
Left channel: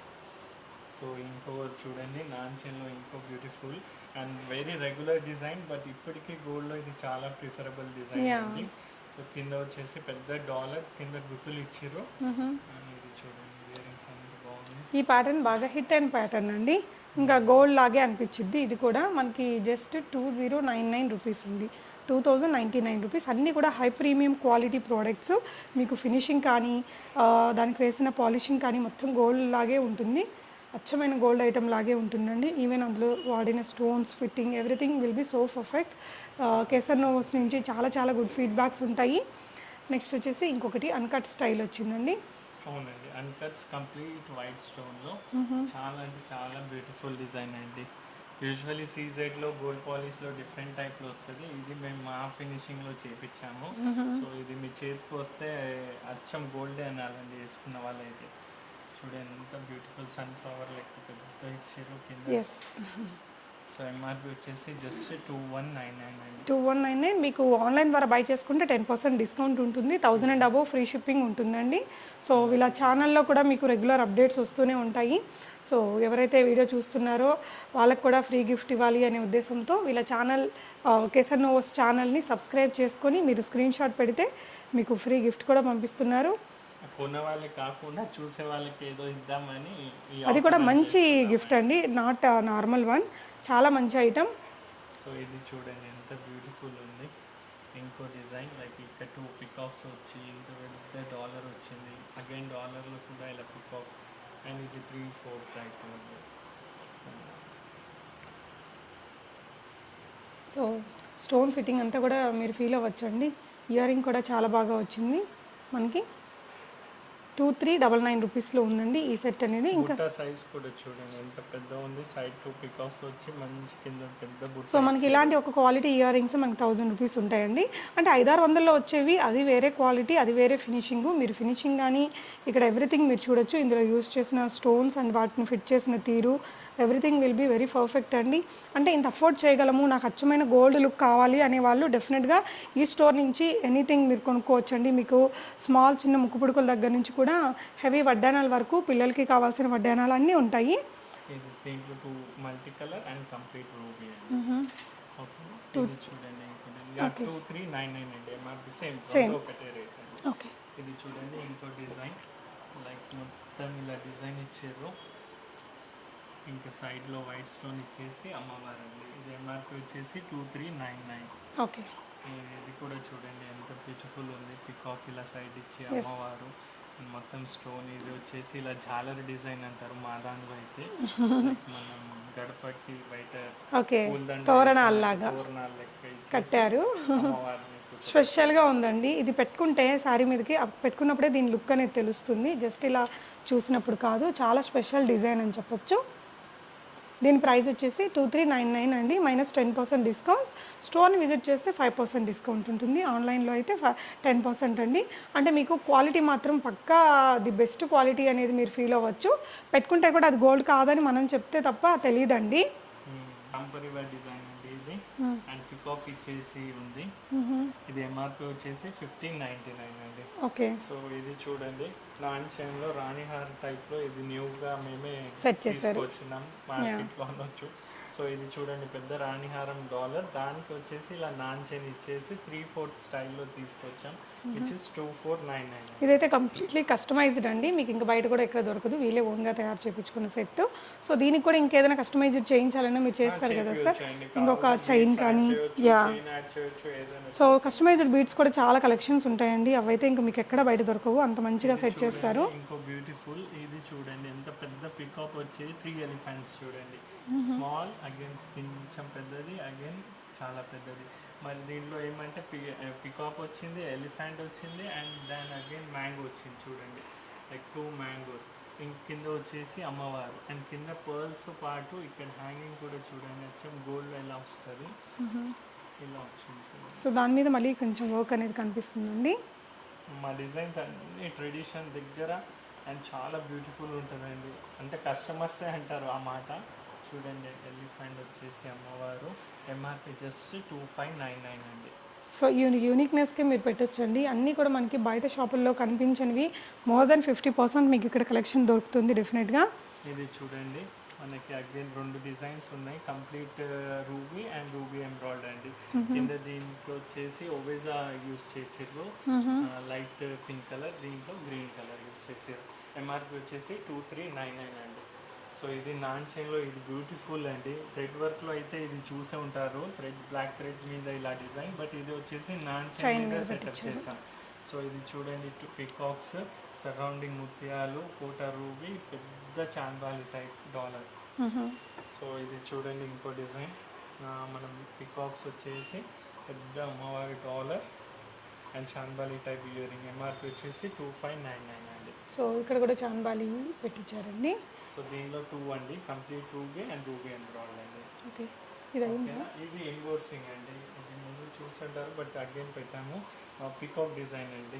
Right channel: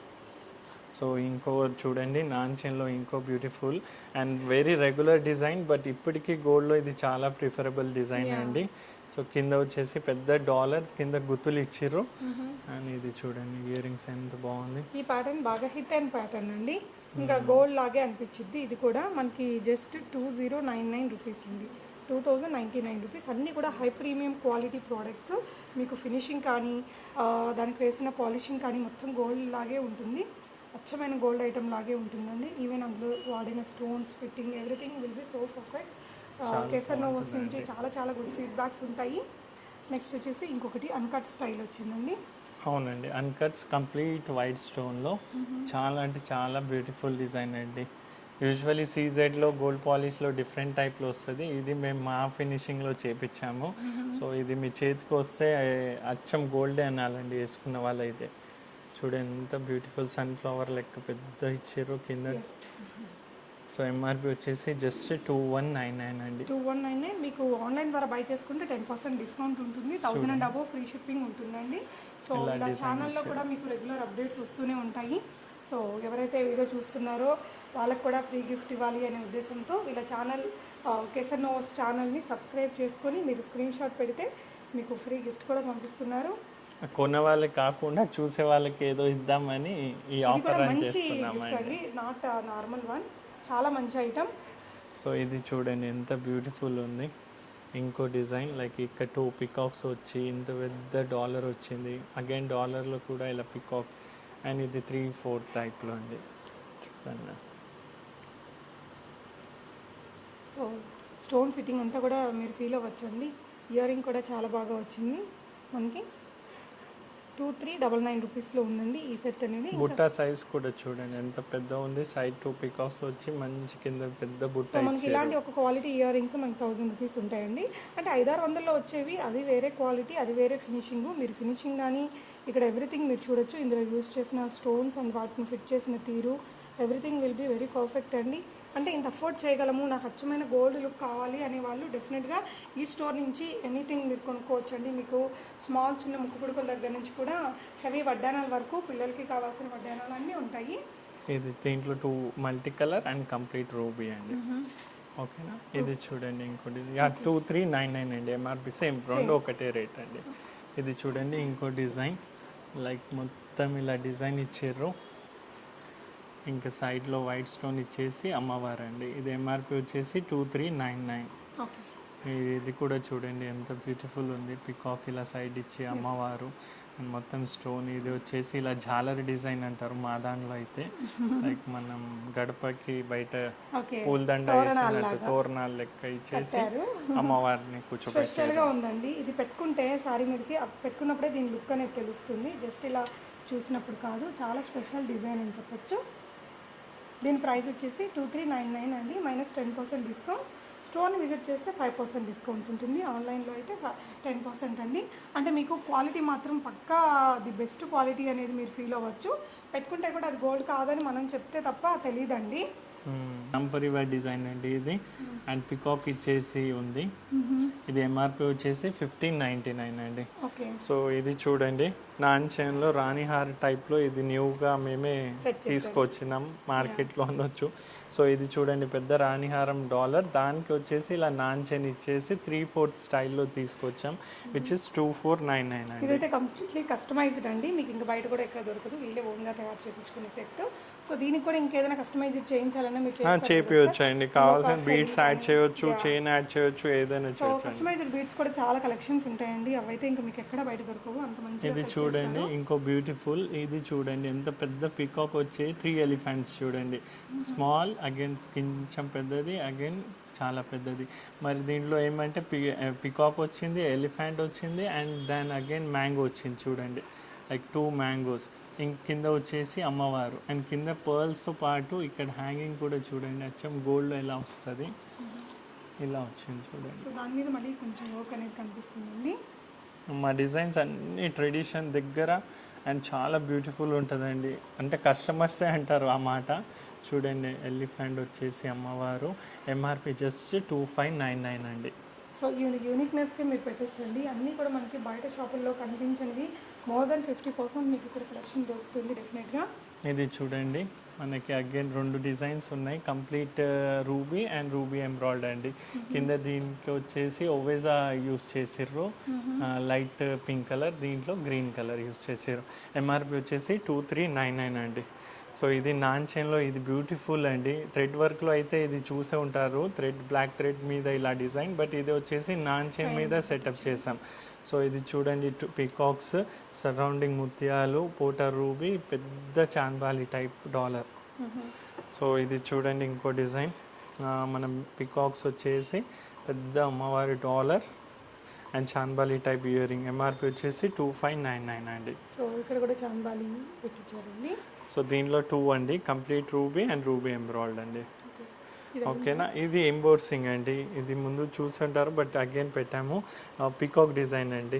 సో ఇంకో చూడండి, నాన్చెన్లో ఇంకో beautiful and very regular design, but ఇప్పటికీ గోల్డ్లో ఇది చాలా ప్రిఫరబుల్ డిజైన్ అండి. సో కింద వచ్చేసి పెద్ద డాలర్ కింద గుర్తులు ఇచ్చిర్రు. అండ్ ఇది చూడండి ఇయర్ రింగ్స్ ఎంత బాగుంది. ఈ ప్యాటర్న్ బాగా హిట్ అండ్ ప్యాటర్న్ అండి. ఇంకా గోల్డ్ లాగే అనిపించింది. ఇది కూడా మనకి జస్ట్ 2099 రూపీస్ ఉంది. 2099 రూపీస్. అన్నీ కూడా హై ప్రీమియం క్వాలిటీ ప్రోడక్ట్స్. మీకు ఫినిషింగ్ కానీ దానికి వేసిన పాలిషింగ్ కానీ మొత్తం గోల్డ్ లాగే ఉంటుంది. అచ్చమైన గోల్డ్ ఐటమ్ లాగే ఉంటుందండి. ఈవెన్ అందులో వాడిన stones, fitting, everything will be so perfect. Kesar Novos నుంచి చాలా చాలా గుడ్ ఫీడ్బ్యాక్స్ ఉంటాయి. నెక్స్ట్ వచ్చేసి ఇంకొకటి అన్కట్ స్టైల్ వచ్చిందండి. అవునండి, అన్కట్స్ కంప్లీట్ వైట్ స్టోన్లో చాలా అంటే చాలా బ్యూటిఫుల్ డిజైన్ అండి. యూజువల్లీ సీజెడ్లో గోల్డ్ పాలిష్లో డిఫరెంట్ టైప్లో వస్తుంది. ఇది మేము మా ఫినిషింగ్లో చేపించాము. సో ఇది మీ చేతికి వస్తే అచ్చం గోల్డే అనాలండి వేసుకున్న వాళ్ళైతే. చూడండి ఎంత బ్యూటిఫుల్ సన్ఫ్లవర్ లెక్క పెద్ద ఇచ్చారు కింద. సో ఎంఆర్పి వచ్చేసి జస్ట్ 2199 అండి. 2199. మీకు ఆన్లైన్ ద్వారా బై చేసుకుంటే 10% డిస్కౌంట్ ఉంటుంది. 1000 అండ్ అబోవ్ ఫ్రీ షిప్పింగ్ ఉంటుందండి. సో ఇలా ఛానల్లో కూడా మీకు రెగ్యులర్ అప్డేట్స్ వస్తూనే ఉంటాయి. సో ఎవరైతే వీడియో చూస్తున్నారో వాళ్ళకు కూడా ఫ్రీ గిఫ్ట్ ఇవ్వాలి అనే ఉద్దేశంతో వీళ్ళ ఛానల్ కేసర్ నోవోస్ ఛానల్ని సబ్స్క్రైబ్ చేసుకొని మీరు స్క్రీన్ షాట్ పెడితే మీకు ఫ్రీ గిఫ్ట్ కూడా పంపిస్తున్నారు. కొన్న వాళ్ళకి కాకుండా చూసే వాళ్ళకి ఏదో ఇద్దామని అది కూడా మంచి గిఫ్ట్ అండి, నాట్ నార్మల్ వన్. చాలా మంచి ఐటమ్. సో ఇది చూడండి ఎంత బ్యూటిఫుల్ ఉంది. ఇంకో డిజైన్ లైక్ ఇక్కడ 2 పికాక్స్ వచ్చి ఇంత పెద్ద డాలర్ వచ్చింది. అగైన్ డాలర్లో కూడా ఇలా పికాక్. అండ్ ఇది 3/4 టైప్లో అండి. సో స్టోన్ ఫిట్టింగ్ అంతా కూడా మీరు ఫీల్ అవ్వచ్చండి. ఇయర్ రింగ్ కూడా చాలా బాగా వచ్చింది మనకి. 2399 రూపీస్లో ఉందండి ఈ సెట్ అనేది. బుట్ట సైజ్ కూడా చూడండి ఎంత పెద్ద ఉంది. సైడ్ 2 పికాక్స్ వచ్చి మంచి కింద పెద్ద బుట్ట. సో మనకి ఇలాంటి ఒక క్వాలిటీ ఇయర్ రింగ్స్ మనకి 1000 రూపీస్ ఉంటాయండి. అంటే 500-600లో వచ్చేవి అది వేరే క్వాలిటీ, అది వేరే ఫినిషింగ్. మీరు ఫినిషింగ్ కానీ ఇక్కడ ఎవ్రీథింగ్ మీరు చూడొచ్చు. ఇందులో యూజ్ చేసిన స్టోన్స్ అండ్ వాటిని ఫిట్ చేసిన తీరు everything will be very perfect అండి. అంటే ఇంత అఫోర్డ్ చేయగలము, నాకు అచ్చమైన గోల్డ్ లుక్ కావాలి అనే వాళ్ళు డెఫినెట్గా ఈ స్టోర్ నుంచి ఎనీథింగ్ మీరు కొనుక్కోవచ్చండి. మీకు స్మాల్ చిన్న ముక్కు పుడుకుల దగ్గర నుంచి కూడా హెవీ వడ్డానాల వరకు పిల్లలకి కావాల్సిన వడ్డానాలు అన్నీ ఉంటాయి. ఇది దీంట్లో 2 multi colour and complete ruby అండి. ఓకేనా. ఇది చూడండి ఇంకోటి 2399 అండి ఎంఆర్పి సేమ్ రెండు ఒకటే రేట్ అండి. ఓకే. ఇది చూడండి ఇంకో డిజైన్ లైక్ మొత్తం ఇలా డిజైన్ ఇచ్చారు, ఇంకా సైడ్లో వైట్ స్టోన్ ఇచ్చేసి అమ్మవారు అండి. ఇది ఎంఆర్పి వచ్చేసి 2399. ఓకే. ఇది కూడా చూడండి ఎంత బ్యూటిఫుల్ ఉంది, పికాక్ ఇలా సైడ్ ఇచ్చి అమ్మవారు అండ్ మొత్తం స్టోన్. ఇది వచ్చేసి ఇలా జాలర్ డిజైన్ అంటారు మా దానిలో అయితే, లైక్ మనం గడపకి బయట పూలదండ తోరణాలు లెక్క ఇచ్చేసి అమ్మవారిని కూర్చో. స్పెషల్గా ఉందండి ఇది, పెట్టుకుంటే శారీ మీదకి పెట్టుకున్నప్పుడే దీని లుక్ అనేది తెలుస్తుంది, జస్ట్ ఇలా చూసినప్పుడు కాదు. చాలా స్పెషల్ డిజైన్ అని చెప్పొచ్చు. దీని ప్రైస్ వచ్చేసి 2399 అండి, -10% డిస్కౌంట్. స్టోర్ని విజిట్ చేస్తే 5% డిస్కౌంట్ ఉంటుంది, ఆన్లైన్లో అయితే 10% అండి. అంటే మీకు క్వాలిటీ మాత్రం పక్కా ది బెస్ట్ క్వాలిటీ అనేది మీరు ఫీల్ అవ్వచ్చు. పెట్టుకుంటే కూడా అది గోల్డ్ కాదని మనం చెప్తే తప్ప తెలియదండి. టెంపరీవేర్ డిజైన్ అండి ఇది, అండ్ పికాక్ ఇచ్చేసి ఉంది. ఇది ఎంఆర్పి వచ్చేసి 1599 అండి. ఓకే. సో ఇది చూడండి నాన్ చైన్లో రాణిహార్ టైప్లో ఇది న్యూగా మేమే తీసుకొచ్చినాం మార్కెట్లో అనొచ్చు. సో ఇది చూడండి పెద్ద రాణిహారం డాలర్, దానికి వచ్చేసి ఇలా నాన్ చైన్ ఇచ్చేసి 3/4 స్టైల్లో తీసుకొచ్చాం, విచ్ ఇస్ 2499. ఇదైతే కంప్లీట్లీ కస్టమైజ్డ్ అండి, మీకు ఇంకా బయట కూడా ఎక్కడ దొరకదు, వీళ్ళే ఓన్గా తయారు చేయించుకున్న సెట్. సో దీనికి కూడా ఇంకేదైనా కస్టమైజ్డ్ చేయించాలన్నా మీరు చేయించవచ్చు అండి, కావాల్సిన బీడ్స్ యాడ్ చేయొచ్చు, చైన్ యాడ్ చేయొచ్చు, ఏదైనా. సో కస్టమైజ్డ్ బీడ్స్ కూడా చాలా కలెక్షన్స్ ఉంటాయండి, అవైతే ఇంకా మీకు ఎక్కడ బయట దొరకవు, అంత మంచిగా సెట్ చేస్తారు. ఇంకో బ్యూటిఫుల్ ఇది చూడండి ఎంత పెద్ద పికాక్ వచ్చి 3 ఎలిఫెంట్స్ చూడండి, స్మాల్ అగైన్ కొంచెం పెద్దది అగైన్ చాలా పెద్దది. మరి దీంట్లో ఏమంటే పికాక్ వచ్చింది, ఎలిఫెంట్ వచ్చింది, అండ్ దెన్ అగైన్ మ్యాంగో వచ్చింది చూడండి, లైక్ 2 మ్యాంగోస్. కింద వచ్చేసి అమ్మవారు, అండ్ కింద పర్ల్స్తో పాటు ఇక్కడ హ్యాంగింగ్ కూడా చూడండి అచ్చం గోల్డ్ ఎలా వస్తుంది, ఇలా వచ్చింది చూడండి. సో దాని మీద మళ్ళీ కొంచెం వర్క్ అనేది కనిపిస్తుందండి. మా డిజైన్స్ అన్ని ట్రెడిషన్ దగ్గర అండ్ చాలా బ్యూటిఫుల్ ఉంటుందండి, అంటే కస్టమర్సే అంటారు ఆ మాట. చూడండి ఎలిఫెంట్ వచ్చేసి అమ్మవారు, ఎంఆర్పి జస్ట్ 2599 అండి. సో యూనిక్నెస్కి మీరు పెట్టొచ్చండి, అన్నీ కూడా మనకి బయట షాపుల్లో కనిపించినవి మోర్ దెన్ 50% మీకు ఇక్కడ కలెక్షన్ దొరుకుతుంది డెఫినెట్గా. ఇది చూడండి మనకి అగైన్ 2 డిజైన్స్ ఉన్నాయి, కంప్లీట్ రూబీ అండ్ రూబీ ఎంబ్రాయిడ్ అండి. కింద దీనికి వచ్చేసి ఓవేజా యూస్ చేసారు, లైట్ పింక్ కలర్, దీంట్లో గ్రీన్ కలర్ యూస్ చేసారు. ఎంఆర్పి వచ్చేసి 2399 అండి. సో ఇది నాన్ చైన్లో ఇది బ్యూటిఫుల్ అండి, థ్రెడ్ వర్క్లో అయితే ఇది చూసే ఉంటారు, బ్లాక్ థ్రెడ్ మీద ఇలా డిజైన్, బట్ ఇది వచ్చేసి నాన్ చైన్ మీద సెటప్ చేసాం. సో ఇది చూడండి పికాక్స్, సరౌండింగ్ ముత్యాలు, కోట రూబీ, పెద్ద చాన్బాలి టైప్ డాలర్. సో ఇది చూడండి ఇంకో డిజైన్, మనం పికాక్స్ వచ్చేసి పెద్ద అమ్మవారి dollar and chandbali type ear ring, MRP వచ్చేసి 2599 అండి. సో ఇక్కడ కూడా చాన్బాలి పెట్టించారండి. సో దీనిలో 2 అండి, కంప్లీట్ రూబీ అండ్ రూబీ ఎంబ్రాయిడ్ అండి. ఓకేనా. ఇది ఎంబోర్సింగ్ అండి, ఇది ముందు చూసుంటారు బట్ అగైన్ పెట్టాము, పికాక్ డిజైన్ అండి,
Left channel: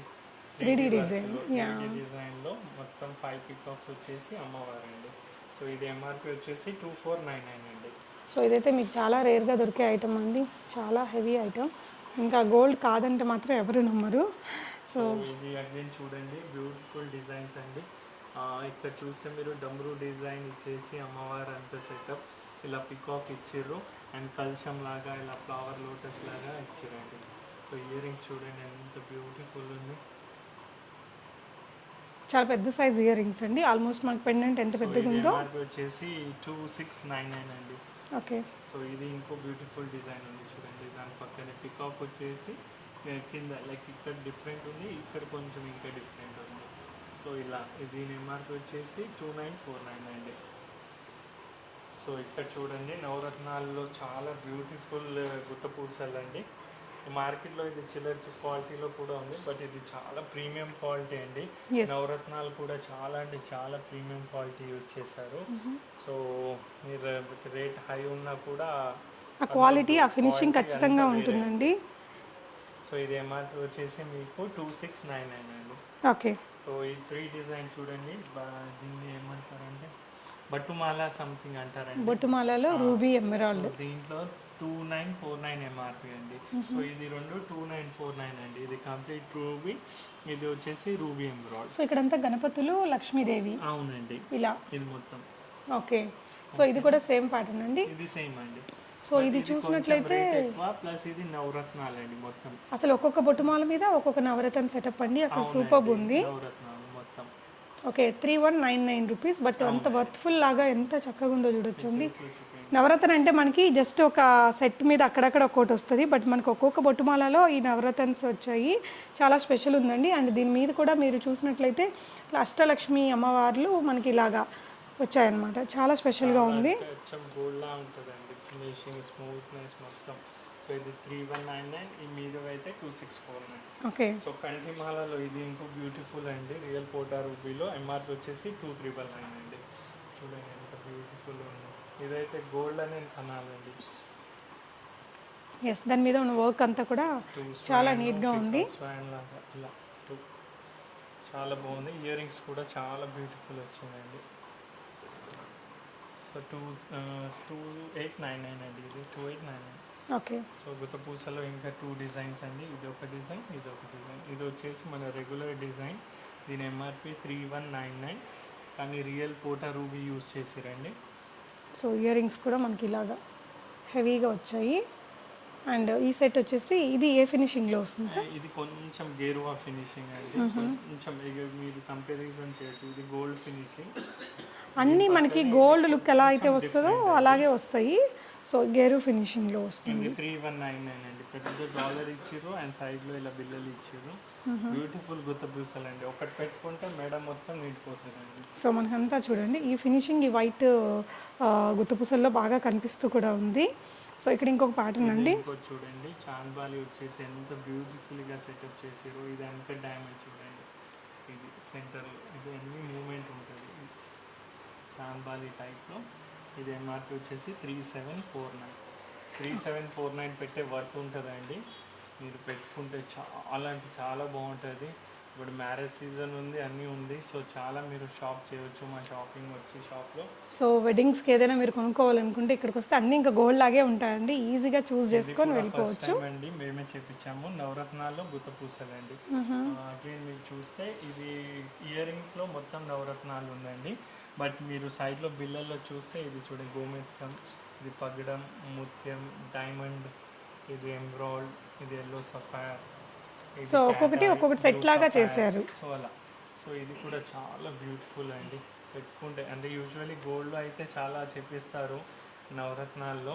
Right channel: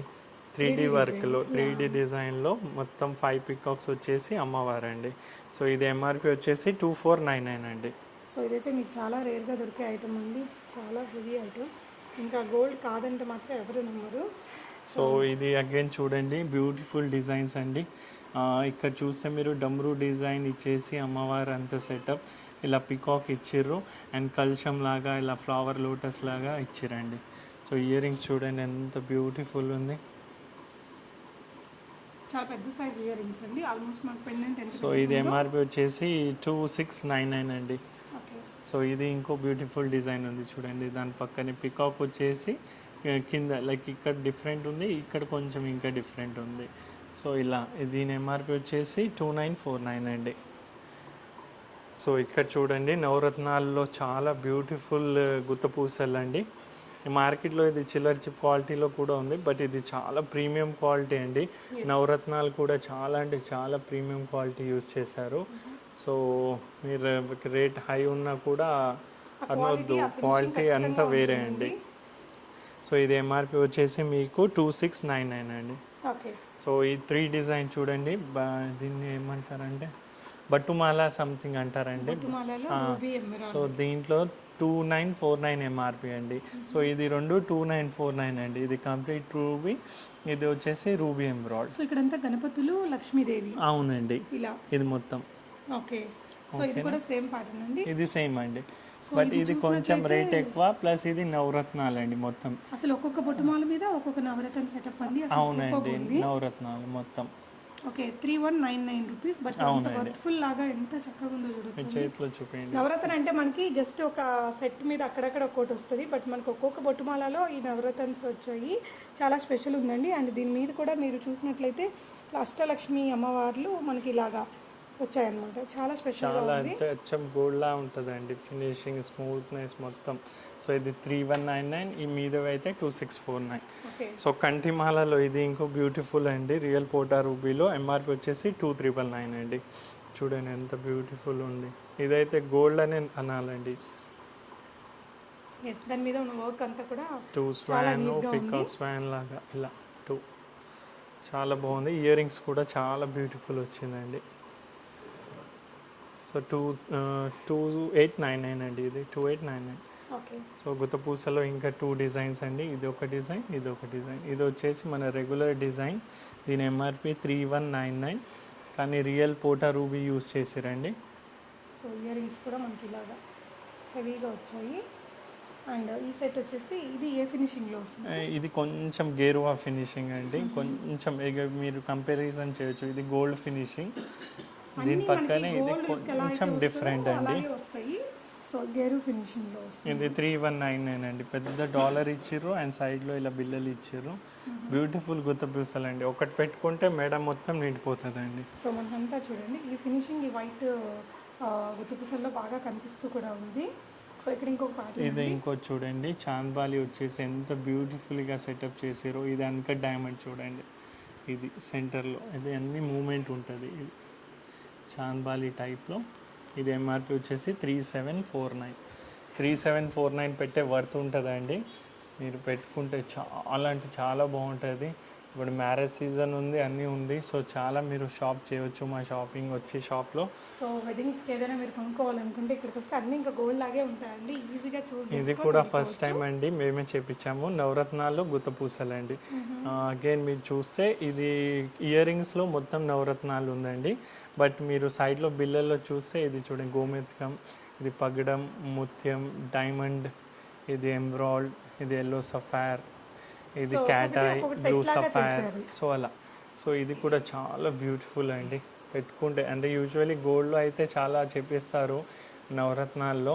3D వర్క్లో 3D డిజైన్లో మొత్తం 5 పికాక్స్ వచ్చేసి అమ్మవారు అండి. సో ఇది ఎంఆర్పి వచ్చేసి 2499 అండి. సో ఇదైతే మీకు చాలా రేర్గా దొరికే ఐటమ్ అండి, చాలా హెవీ ఐటమ్, ఇంకా గోల్డ్ కాదంటే మాత్రం ఎవరు నమ్మరు. సో ఇది అగైన్ చూడండి బ్యూటిఫుల్ డిజైన్స్ అండి. ఇక్కడ చూస్తే మీరు డమ్రూ డిజైన్ ఇచ్చేసి అమ్మవారు అంత సెటప్, ఇలా పికాక్ ఇచ్చిర్రు అండ్ కల్చం లాగా ఇలా ఫ్లవర్ లోటస్ లాగా ఇచ్చిరండి. సో ఇయర్ రింగ్స్ చూడండి ఎంత బ్యూటిఫుల్ ఉంది, చాలా పెద్ద సైజ్ ఇయర్ రింగ్స్ అండి, ఆల్మోస్ట్ మనకి పెండెంట్ ఎంత పెద్దగా ఉందో. ఇది ఎంఆర్పి వచ్చేసి 2699 అండి. ఓకే. సో ఇది ఇంకో బ్యూటిఫుల్ డిజైన్ ఉంది చూడండి, దాని పక్కనే పికాక్ వచ్చేసి కింద లైక్ ఇక్కడ డిఫరెంట్ ఉంది, ఇక్కడ కొంచెం ఇంకా డిఫరెంట్ ఉంది. సో ఇలా దీని ఎంఆర్పి వచ్చేసి 2949 అండి. సో ఇక్కడ చూడండి నవరత్నాల్లో చాలా బ్యూటిఫుల్ గుత్తపూసలు అండి. మార్కెట్లో ఇది చిల్లర్ చిప్ క్వాలిటీలో కూడా ఉంది, బట్ ఇది చాలా ప్రీమియం క్వాలిటీ అండి. నవరత్నాలు కూడా చాలా అంటే చాలా ప్రీమియం క్వాలిటీ యూజ్ చేశారు. సో మీరు రేట్ హై ఉన్నా కూడా క్వాలిటీ అంతా వేరే అండి. సో ఇది ఎంఆర్పి వచ్చేసి మీకు 2699 అండి. ఓకే. సో ఈ 3 డిజైన్ చూడండి, దీన్ని ఏమంటారంటే బట్టుమాల సంథింగ్ అంటారండి, బట్టుమాలలో రూబీ ఎమరాల్డ్. సో దీంట్లో 2949 ఎంఆర్పి అండి. సో ఇది 2949 అండి. ఇది కంప్లీట్ రూబీ, ఇది వచ్చేసి రూబీ ఎంబ్రాయిడ్. సో ఇక్కడంతా గణపతులు, లక్ష్మీదేవి. అవునండి, ఇలా ఇది మొత్తం. ఓకే. సో ఇది కూడా సేమ్ ప్యాటర్న్ అండి, ఇది సేమ్ అండి. సో బట్ ఇది ఇది కొంచెం రేట్ ఎక్కువ, ప్లస్ ఇది నవరత్నాలు అండి మొత్తం. అసలు ఒక్కొక్క బొట్టుమాల మీద ఒక్కొక్క నవరత్న సెటప్ అండి, అసలు సూపర్ ఉంది. నవరత్నాలు మొత్తం. Okay, 3199 rupees. బట్ అంత వర్త్ఫుల్ లాగా ఎంత చక్కగా ఉందో చూడొచ్చండి. చేతిలో చూపించండి. నవరత్న అంటే మనకి జస్ట్ ఒక సెట్ మీద అక్కడక్కడ ఒక్కోటి వస్తుంది, బట్ మనకు ఒక్కొక్క బొట్టుమాలలో ఈ నవరత్నస్ వచ్చాయి. చాలా స్పెషల్ ఉందండి. అండ్ దీని మీద కూడా మీరు చూసినట్లయితే అష్టలక్ష్మి అమ్మవార్లు మనకి ఇలాగా వచ్చాయన్నమాట. చాలా స్పెషల్గా ఉంది. అచ్చం గోల్డ్ లా ఉంటుందండి, ఫినిషింగ్ స్మూత్నెస్ మొత్తం. సో ఇది 3199, ఈ మీద అయితే 2649. ఓకే, సో కంటిమాలలో ఇది ఇంకో బ్యూటిఫుల్ అండి, రియల్ పోటా రూబీలో. ఎంఆర్పి వచ్చేసి 2399 అండి. చూడండి ఎంత బ్యూటిఫుల్ ఉంది. ఇదైతే గోల్డ్ అనే అనాలండి. ఎస్, దాని మీద ఉన్న వర్క్ అంతా కూడా టూ చాలా నీట్గా ఉంది. స్వాన్ లాగా ఇలా చాలా బాగుంది. ఇయర్ రింగ్స్ కూడా చాలా బ్యూటిఫుల్ వచ్చిందండి. సో 2899 అండి, ఇది 2899. ఓకే, సో గుత్తపూసలో ఇంకా 2 డిజైన్స్ అండి. ఇది ఒక డిజైన్, ఇది ఒక డిజైన్. ఇది వచ్చేసి మన రెగ్యులర్ డిజైన్. దీని ఎంఆర్పి 3199, కానీ రియల్ పోటా రూబీ యూస్ చేసారండి. సో ఇయర్ రింగ్స్ కూడా మనకి ఇలాగా హెవీగా వచ్చాయి. అండ్ ఈ సెట్ వచ్చేసి ఇది ఏ ఫినిషింగ్లో వస్తుంది సార్? ఇది కొంచెం గేరువా ఫినిషింగ్ అండి, కొంచెం ఇక మీరు కంపారిజన్ చేయొచ్చు. ఇది గోల్డ్ ఫినిషింగ్, అన్నీ మనకి గోల్డ్ లుక్ ఎలా అయితే వస్తుందో అలాగే వస్తాయి. సో గేరు ఫినిషింగ్లో వస్తుంది. ఇది 3199 అండి. పెద్ద డాలర్ ఇచ్చిర్రు అండ్ సైడ్లో ఇలా బిల్లలు ఇచ్చిర్రు. బ్యూటిఫుల్ గుత్తపూసలు అండి, ఒకటి పెట్టుకుంటే మెడ మొత్తం నిండిపోతుందండి. సో మనకంతా చూడండి ఈ ఫినిషింగ్, ఈ వైట్ గుత్తపూసల్లో బాగా కనిపిస్తూ కూడా ఉంది. సో ఇక్కడ ఇంకొక ప్యాటర్న్ అండి, ఇంకోటి చూడండి. చాంద్బాలి వచ్చేసి ఎంత బ్యూటిఫుల్గా సెటప్ చేసారో. ఇది అంక డైమండ్ చూడండి, ఇది సెంటర్లో ఇది అన్ని మూమెంట్ ఉంటుంది. ఇది చాంద్బాలి టైప్లో. ఇది ఎంఆర్పి వచ్చేసి 3749 పెట్టే వర్త్ ఉంటుందండి. మీరు పెట్టుకుంటే చాలా అంటే చాలా బాగుంటుంది. ఇప్పుడు మ్యారేజ్ సీజన్ ఉంది, అన్నీ ఉంది. సో చాలా మీరు షాప్ చేయవచ్చు మా షాపింగ్ వచ్చి షాప్లో. సో వెడ్డింగ్స్కి ఏదైనా మీరు కొనుక్కోవాలనుకుంటే ఇక్కడికి వస్తే అన్ని ఇంకా గోల్డ్ లాగే ఉంటాయండి, ఈజీగా చూస్ ఇది చేసుకొని కూడా ఫస్ట్ టైం అండి మేమే చేపించాము. నవరత్నాలు గుత్తపూసలు అండి. అగైన్ మీరు చూస్తే ఇది ఇయర్ రింగ్స్లో మొత్తం నవరత్నాలు ఉందండి. బట్ మీరు సైడ్లో బిల్లల్లో చూస్తే ఇది చూడండి, గోమెతికం, ఇది పగడం, ముత్యం, డైమండ్, ఇది ఎమ్రాల్డ్, ఇది ఎల్లో సఫైర్, ఇది క్యాట్. సో అలా. సో ఇది కూడా చాలా బ్యూటిఫుల్ అండి పెట్టుకుంటే. అంటే యూజువల్లీ గోల్డ్లో అయితే చాలా చెప్పేస్తారు నవరత్నాల్లో.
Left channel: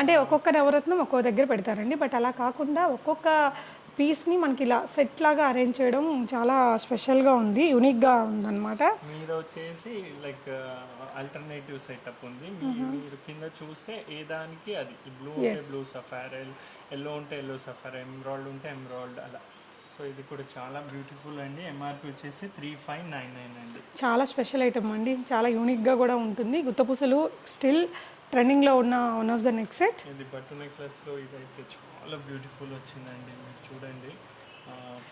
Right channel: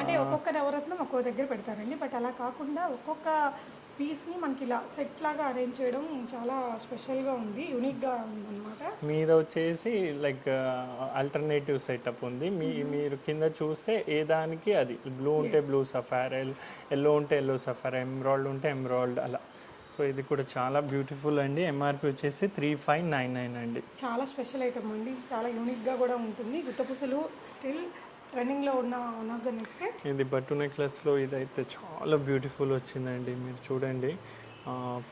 అంటే ఒక్కొక్క నవరత్నం ఒక్కొక్క దగ్గర పెడతారండి, బట్ అలా కాకుండా ఒక్కొక్క పీస్ని మనకి ఇలా సెట్ లాగా అరేంజ్ చేయడం చాలా స్పెషల్గా ఉంది, యూనిక్గా ఉందన్నమాట. మీద వచ్చేసి లైక్ ఆల్టర్నేటివ్ సెటప్ ఉంది. మీరు కింద చూస్తే ఏ దానికి అది బ్లూ ఉంటే బ్లూ సఫైర్, ఎల్లో ఉంటే ఎల్లో సఫైర్, ఎమ్రాల్డ్ ఉంటే ఎమ్రాల్డ్ అలా. సో ఇది కూడా చాలా బ్యూటిఫుల్ అండి. ఎంఆర్పి వచ్చేసి 3599 అండి. చాలా స్పెషల్ ఐటమ్ అండి, చాలా యూనిక్గా కూడా ఉంటుంది. గుత్తపూసలు స్టిల్ ట్రెండింగ్లో ఉన్న one of the neck set. ఇది బట్టు నెక్లెస్లో ఇదైతే చాలా బ్యూటిఫుల్ వచ్చిందండి. మీరు చూడండి,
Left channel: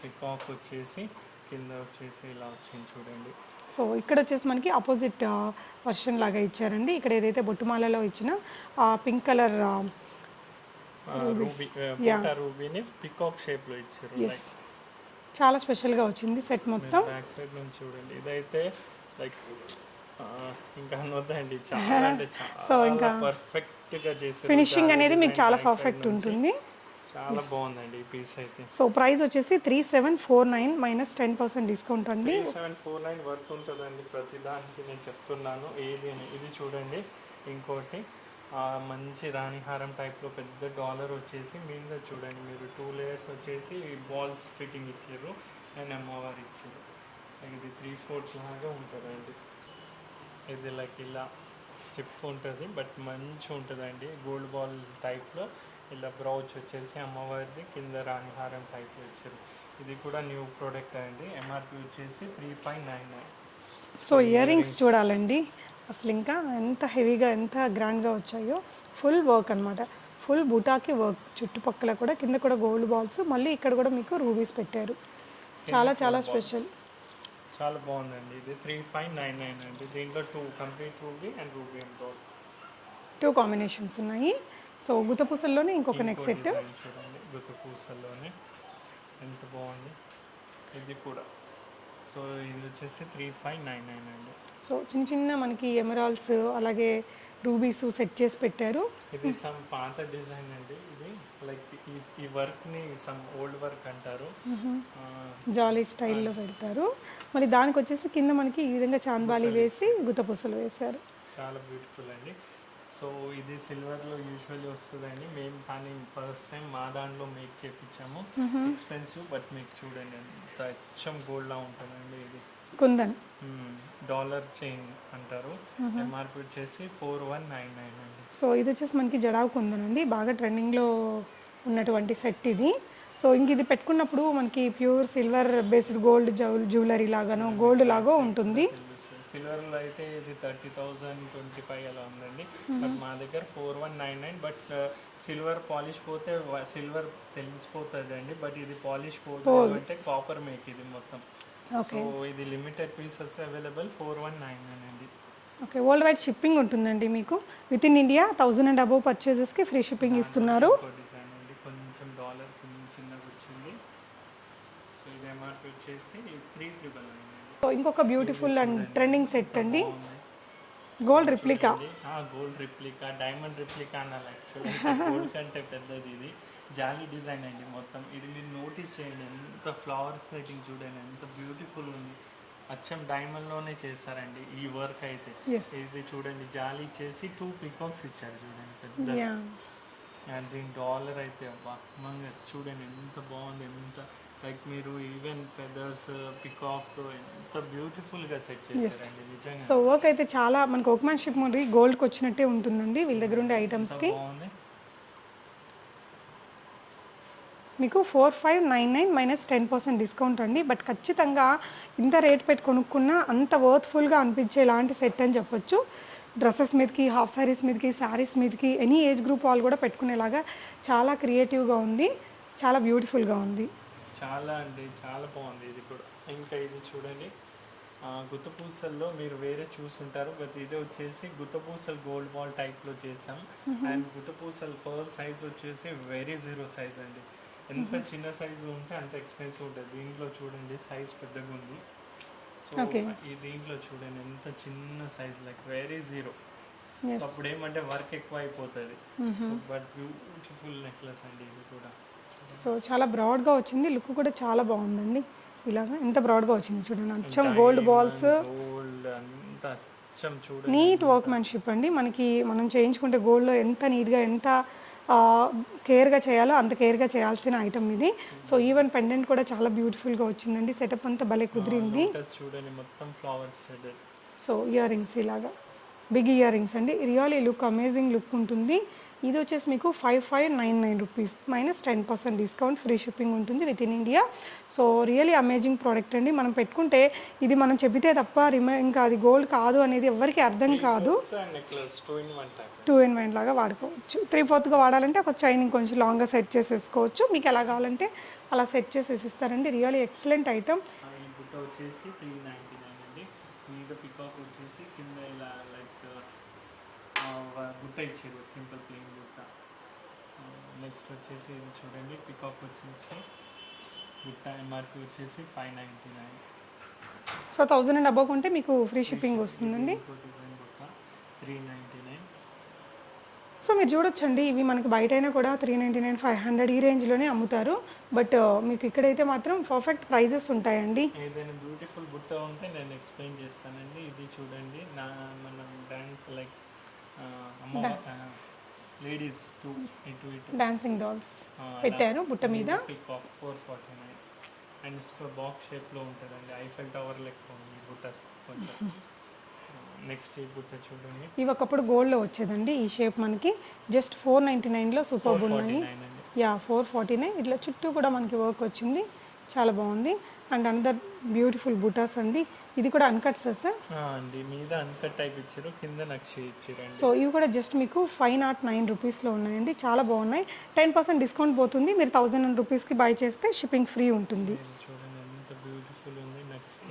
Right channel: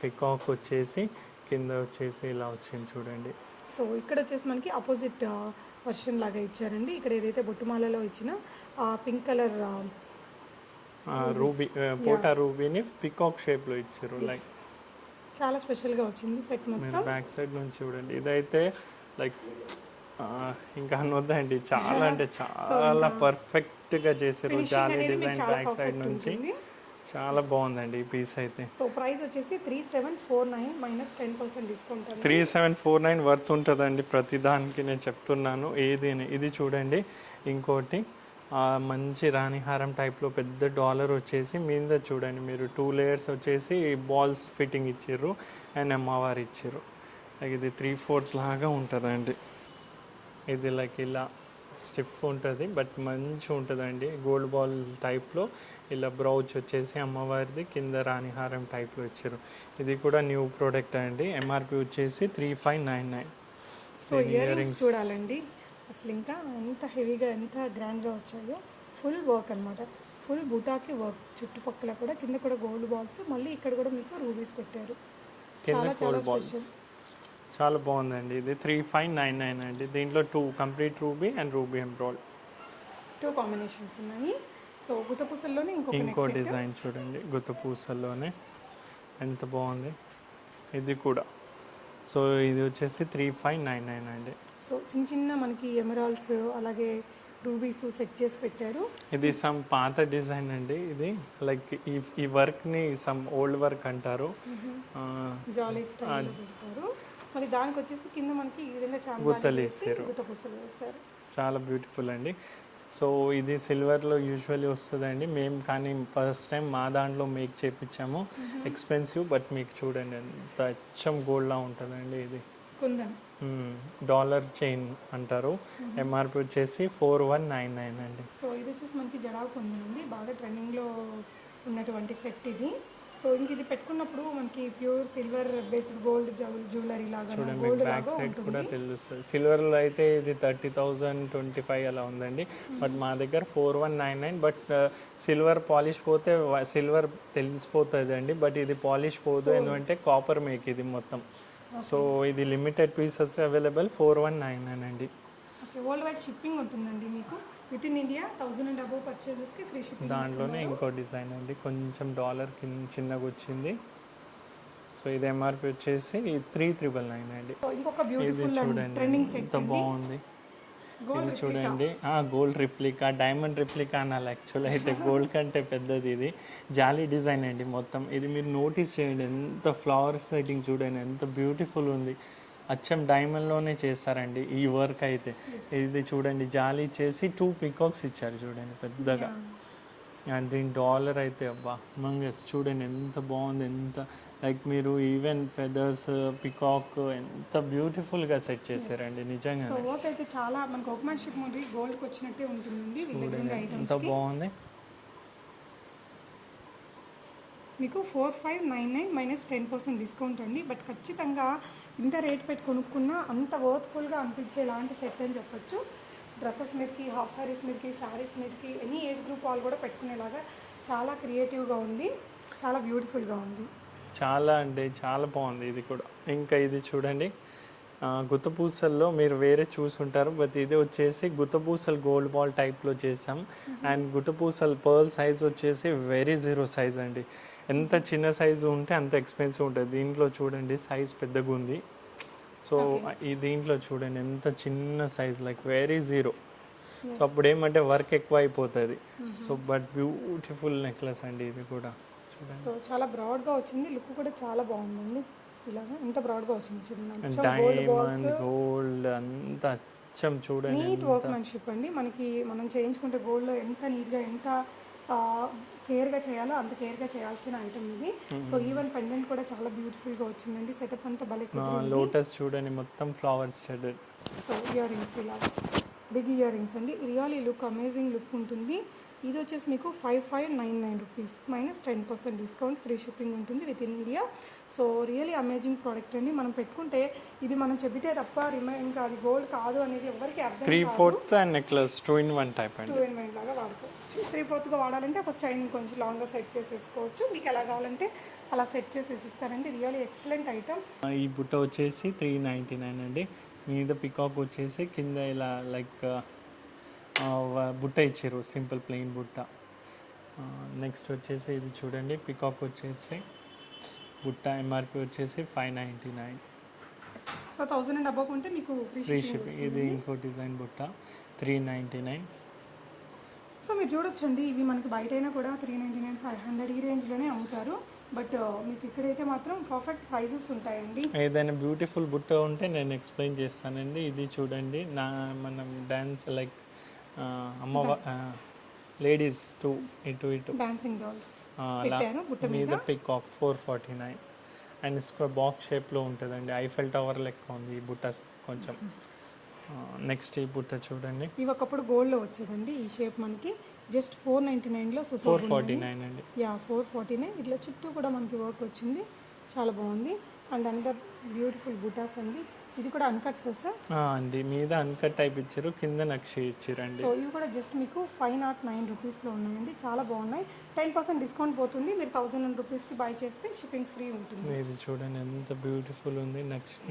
పికాక్ వచ్చేసి కింద వచ్చేసి ఇలా వచ్చింది చూడండి. సో ఇక్కడ వచ్చేసి మనకి ఆపోజిట్ వర్షన్ లాగా ఇచ్చారండి. ఇక్కడ ఏదైతే బొట్టుమాలలో ఇచ్చిన పింక్ కలర్ రూబీ, పోటా రూబీని పికాక్ షేప్లో ఇచ్చారు. లైక్ చాలా స్పెషల్గా వచ్చింది సెట్ మొత్తం. బ్యాక్ సైడ్ నుంచి చూడండి, ఇదైతే లైక్ ఇంకా అనొద్దండి, చాలా అంటే చాలా పర్ఫెక్ట్ గా చేశారు. ఫినిషింగ్ అనేది మీకు చాలా పర్ఫెక్ట్ ఉంటుంది. చాలా బాగుందండి ఈ పీస్ అయితే. సో ప్రైస్ వచ్చేసి 3749 మైనస్ 10% డిస్కౌంట్ అండి. 3749 వర్త్ ఉంటుందండి ప్రతి దానికి, నేను చెప్తున్నాను. ఏది ఇది చూడండి, ఇంకోటి మంచి రాణిహారం టైప్లో పెద్ద డాలర్ వచ్చేసి మీద చూడండి మీరు 2 లేయర్స్ వచ్చేసి బాల్స్ ఫిట్టింగ్ ఇచ్చారు అండ్ అమ్మవారు ఇచ్చారు. లైక్ ఇది 3/4 లాగా ఉంటుందండి. ఇది లైక్ ఇలా స్టిఫ్ ఉంటుంది, బట్ మంచిగా ఉంటుందండి. గోల్డ్ బాల్ టైప్లో ఇలా బ్రౌచ్ వచ్చేసి అమ్మవారిది, కింద రాణిహారం టైప్లో ఇచ్చారు. ఇది కూడా న్యూ ప్రోడక్ట్ అండి. ఎంఆర్పి వచ్చేసి 3599. సో ఇయర్ రింగ్స్ చూడాలండి, అసలు ఇంకా ఎంత హెవీగా ఎంత గ్రాండ్గా వచ్చాయో. ఫుల్ వర్క్ అనమాట, ఫుల్ బుటాకి వర్క్. చుట్టుపక్కల కూడా కింద కూడా గోల్డ్ బాల్స్, మళ్ళీ ఇక్కడ కూడా మీకు రూబీస్ పెట్టారు. చాలా చాలా స్పెషల్, చాలా బాగుందండి. ఇది 3599 అండి. దీంట్లో 2 కంప్లీట్ రూబీ అండ్ రూబీ ఎంబ్రాయిడ్ 2 కాంబినేషన్స్ ఉన్నాయి. సో గుత్తపూసల్లోనే ఇంకొక నెక్ సెట్ డిజైన్ చూడండి, గుత్తపూసల్లోనే ఎంత బాగుంది ఇది కూడా. సో ఇది వచ్చేసి 3599 అండి. సో చిన్న చిన్న మనకి ఎమరాల్డ్స్ అలాగే రూబీస్ సెట్ చేసి పెట్టారు. ఇది సమ్ పాత డిజైన్ అండి. ఇది లైక్ ఈ వర్క్ ని సమ్ ఓల్డ్ వర్క్ అంటారు. జాలీ స్టైల్లో పెడతారు. మరి దానికి వచ్చేసి కింద మనకి ఈ విధంగా చాందాలి వేసి గుత్తపూసలు వేశారు. చాలా బ్యూటిఫుల్ అండి. సో ఇది సిల్వర్లో యూజువల్లీ వస్తుందండి. మేము కానీ ఫస్ట్ టైం మా దాంట్లో మేక్ చేయించాము. ఎక్స్పెన్సివ్, బట్ మీకు చూడండి ఎంత అచ్చం గోల్డ్లా ఉంటుందండి. ఇది కుందన్ డాలర్ చైన్ అంటారు. ఎంఆర్పి వచ్చేసి 4199 అండి. సో ఇది వచ్చేసి మనకి జడావు కుందన్ అండి, బాగా ట్రెండింగ్లో ఉన్నటువంటి సెట్ ఇది. సో ఇంక ఇది పెట్టుకున్నప్పుడు మనకి pure silver based gold jewellery లాగానో గోల్డ్ లాగా ఉంటుంది. తెలుస్తుంది. సిల్వర్లో అయితే ఇది 30,000 25 అలా ఉందండి. బట్ మా దగ్గర 4199. బట్ సిల్వర్ పాలిష్ పోతే సిల్వర్ తెలిసిపోతుంది అండి. బట్ ఇది పాలిష్ పోతుంది అంటే కాపర్ మేక్ ఇది మొత్తం. సో ఇది లిమిటెడ్ పీసెస్ అవైలబుల్ 4199 అండి. ఓకే, వరల్డ్ వైడ్ షిప్పింగ్ ఉంటుందండి మీకు. Within India 1000 and above పర్చేజెస్కి ఫ్రీ షిప్పింగ్ ఇస్తున్నారు. ఇంకో డిజైన్ అండి, కొంచెం డాలర్ చిన్నగా వచ్చింది. సో ఇది ఎంఆర్పి వచ్చేసి 3399 అండి. ఇంకొక బ్యూటిఫుల్ అండ్ ట్రెండింగ్ సెట్ అండి, బాగుంది. Gold replica. Gold replica, diamond replica అనాలి యాక్చువల్ అయితే. గోల్డ్ కంటే పెద్దది ఇది. జాలీ డిజైన్ అండి మొత్తం. ఇది మీరు నోటీస్ చేయండి, ఎంత ఫ్లవర్ సెట్టింగ్ చూడండి, ఎంత బ్యూటిఫుల్ ఉంది. అచ్చం డైమండ్లోనే చేస్తారండి ఈ వర్క్ అయితే. ఇది చూడండి, జాలీ చేసి 2 పికాక్స్ ఇచ్చారు చూడండి పెద్దగా. అండ్ దీని డాలర్ అయితే అబ్బా మంగస్ చూడండి ఎంత బాగుంది. ఎంత లైక్ మీరు ఈవెన్ ఫెదర్స్ పికాక్ ఎంత బ్యూటిఫుల్గా సెట్ చేశారండి నిజంగా. సో వర్క్ అయితే చాలా మనకు వర్క్మెన్షిప్ మరి గోల్డ్కి వచ్చినట్టే ఉంటుందండి వీళ్ళ దగ్గర ఉండే ఐటమ్స్. బాగుంది. మీకు 4599 మైనస్ 10% డిస్కౌంట్ అండి. బట్ ఖచ్చితంగా ఇంత రేట్ పెట్టి కొనుక్కున్నా అంత వర్త్ఫుల్గా అనిపించే ఇలాంటి సెట్ అని చెప్పొచ్చు. డ్రెస్సెస్ మీదకి, హాఫ్ సారీస్ మీదకి, శారీస్ మీదకి, ఎనీ ఏజ్ గ్రూప్ వాళ్ళు కూడా పెట్టుకునేలాగా చాలా క్రియేటివ్గా ఉంది, చాలా బ్యూటిఫుల్గా ఉంది. చాలా అంటే చాలా బాగుంది ఇది కూడా. ఇంకా ఇది చూడండి, గుత్తపూసల్లో మీరు వేరే చూసుంటారు, బట్ ఇది వచ్చేసి గుత్తపూసలు గోల్డ్ బాల్ టైప్లో చేసాం. అండ్ గుత్తపూసలు పర్ల్ సైజ్ వచ్చేసి వెరీ 0 సైజ్ అండి. ఎంత చిన్న సైజు ఉంటే అంత ఎక్స్పెన్సివ్ ఉంటుంది. దీంట్లో చూడండి సైజ్ పెద్దగా ఉంది. సో ఈ దీంట్లో చూడండి ఎంత చిన్న సైజ్, లైక్ వెరీ 0. సో అప్పుడు ఏమంటే వర్క్ ఎక్కువ అయిపోతుంది. సో బట్ బ్యూటిఫుల్ నెక్లెస్ అండి ఇది కూడా. సో చాలా బ్రాడ్గా వచ్చింది, లుక్ కూడా చాలా బాగుందండి. ఇలాగా ఎంత బ్రాడ్గా వచ్చింది చూడండి, అచ్చం గోల్డ్ బాల్స్, గోల్డ్ అంత అచ్చం చూడండి, నీట్ వర్క్మెన్షిప్ అండి. మనకి మనం చేయించుకుంటే గోల్డ్లో ఎంత నీట్గా, ఎంత కేర్గా చేయాలో అంత కేర్గా చేయాల్సిన ఐటమ్ ఇది. సో ఈవెన్ పెండెంట్ కూడా చాలా బ్యూటిఫుల్గా వచ్చిందండి. సెటప్ అంతా భలే కుదిరింది. లోటస్ చూడండి మొత్తం flowers shaded. So earrings ఇలాగా బిగ్ ఇయర్ రింగ్స్ అండి, రియల్లీ లుక్ అమేజింగ్ లుక్ ఉంటుంది. ఇది వచ్చేసి మీకు 5599 rupees minus 10% discount, free shipping ఉంటుంది within India. So really amazing product అండి. మనం పెట్టుకుంటే ఇది మనం చెబితే తప్ప ఇంకా అది గోల్డ్ కాదు అనేది ఎవరికి అర్థం కాదు. నెక్లెస్ 2-in-1 టైప్, 2-in-1 లాగా వాడుకోవచ్చు. 3/4గా వాడాలంటే ఒక చైన్ కొంచెం లాంగ్గా సెట్ చేసేసుకోవచ్చు. మీకు ఎలా కావాలంటే అలా సెట్ చేసేసి ఇస్తారండి. Really excellent item. ఈ బుట్ట వచ్చేసి 399 అండి. మీద పికాక్ వచ్చేసి కింద ఇలా లైక్ బుట్ట ఇచ్చారు, సింపుల్ ప్లెయిన్ బుట్ట. నెక్స్ట్ వచ్చేసి ఇది చూడండి, పికాక్ వచ్చేసి బుట్ట ఎంఆర్పి వచ్చేసి 599. సో 1000 అండ్ అబౌవ్ ఉంటే మీకు ఫ్రీ షిప్పింగ్ వస్తుందండి. ఇంకో డిజైన్ బుట్ట 399. సో మీరు చూడొచ్చండి, ఇవి మనకి బయట అయినా కూడా 399, 500 ఈ రేంజ్లోనే అమ్ముతారు. బట్ మీకు ఇక్కడైతే మాత్రం పర్ఫెక్ట్ ప్రైజెస్ ఉంటాయండి. ఏదైనా బ్యూటిఫుల్ బుట్ట ఉంటే నేను ఎక్స్ప్లెయిన్ చేస్తానండి. ఇది చూడండి, మనం డాన్స్ లైక్ లేడీస్ ఇటు డాన్సింగ్ డాల్స్ పెట్టాను బుట్ట మీద. పికాక్ 449 అండ్ బాక్స్ షేప్లో ఉంటుందండి. ఐఫెల్ టవర్ లెక్క ఉంది ఈ బుట్ట కొంచెం. నెక్స్ట్ ఈ బుట్ట చూడండి, ఇవి ఒకప్పుడు గోల్డ్లో వచ్చేదండి ఈ షేప్. మనకి జస్ట్ 499లో సూపర్ గోల్డ్ అండి. 449 ఇట్లా చుట్టూ కూడా మనకి వర్క్ వచ్చింది, చాలా బాగుంది. అండ్ అందర్ బ్యూటిఫుల్ బుటాస్ అండి. ఇది కూడా అన్కట్స్ సార్ అండి, మీద అన్కట్ టైప్ ఇచ్చారు, కింద నక్షి ఇచ్చారండి. సో ఇవి కూడా జస్ట్ మీకు 509 రూపీస్లో ఉన్నాయండి, చాలా బాగున్నాయి. 10% డిస్కౌంట్ పోతుంది. మీరు 1000 రూపీస్కి బై చేస్తే షిప్పింగ్ ఫ్రీ ఉంటుంది. ఇది చూడండి ఎంత బ్యూటిఫుల్ ఉంది,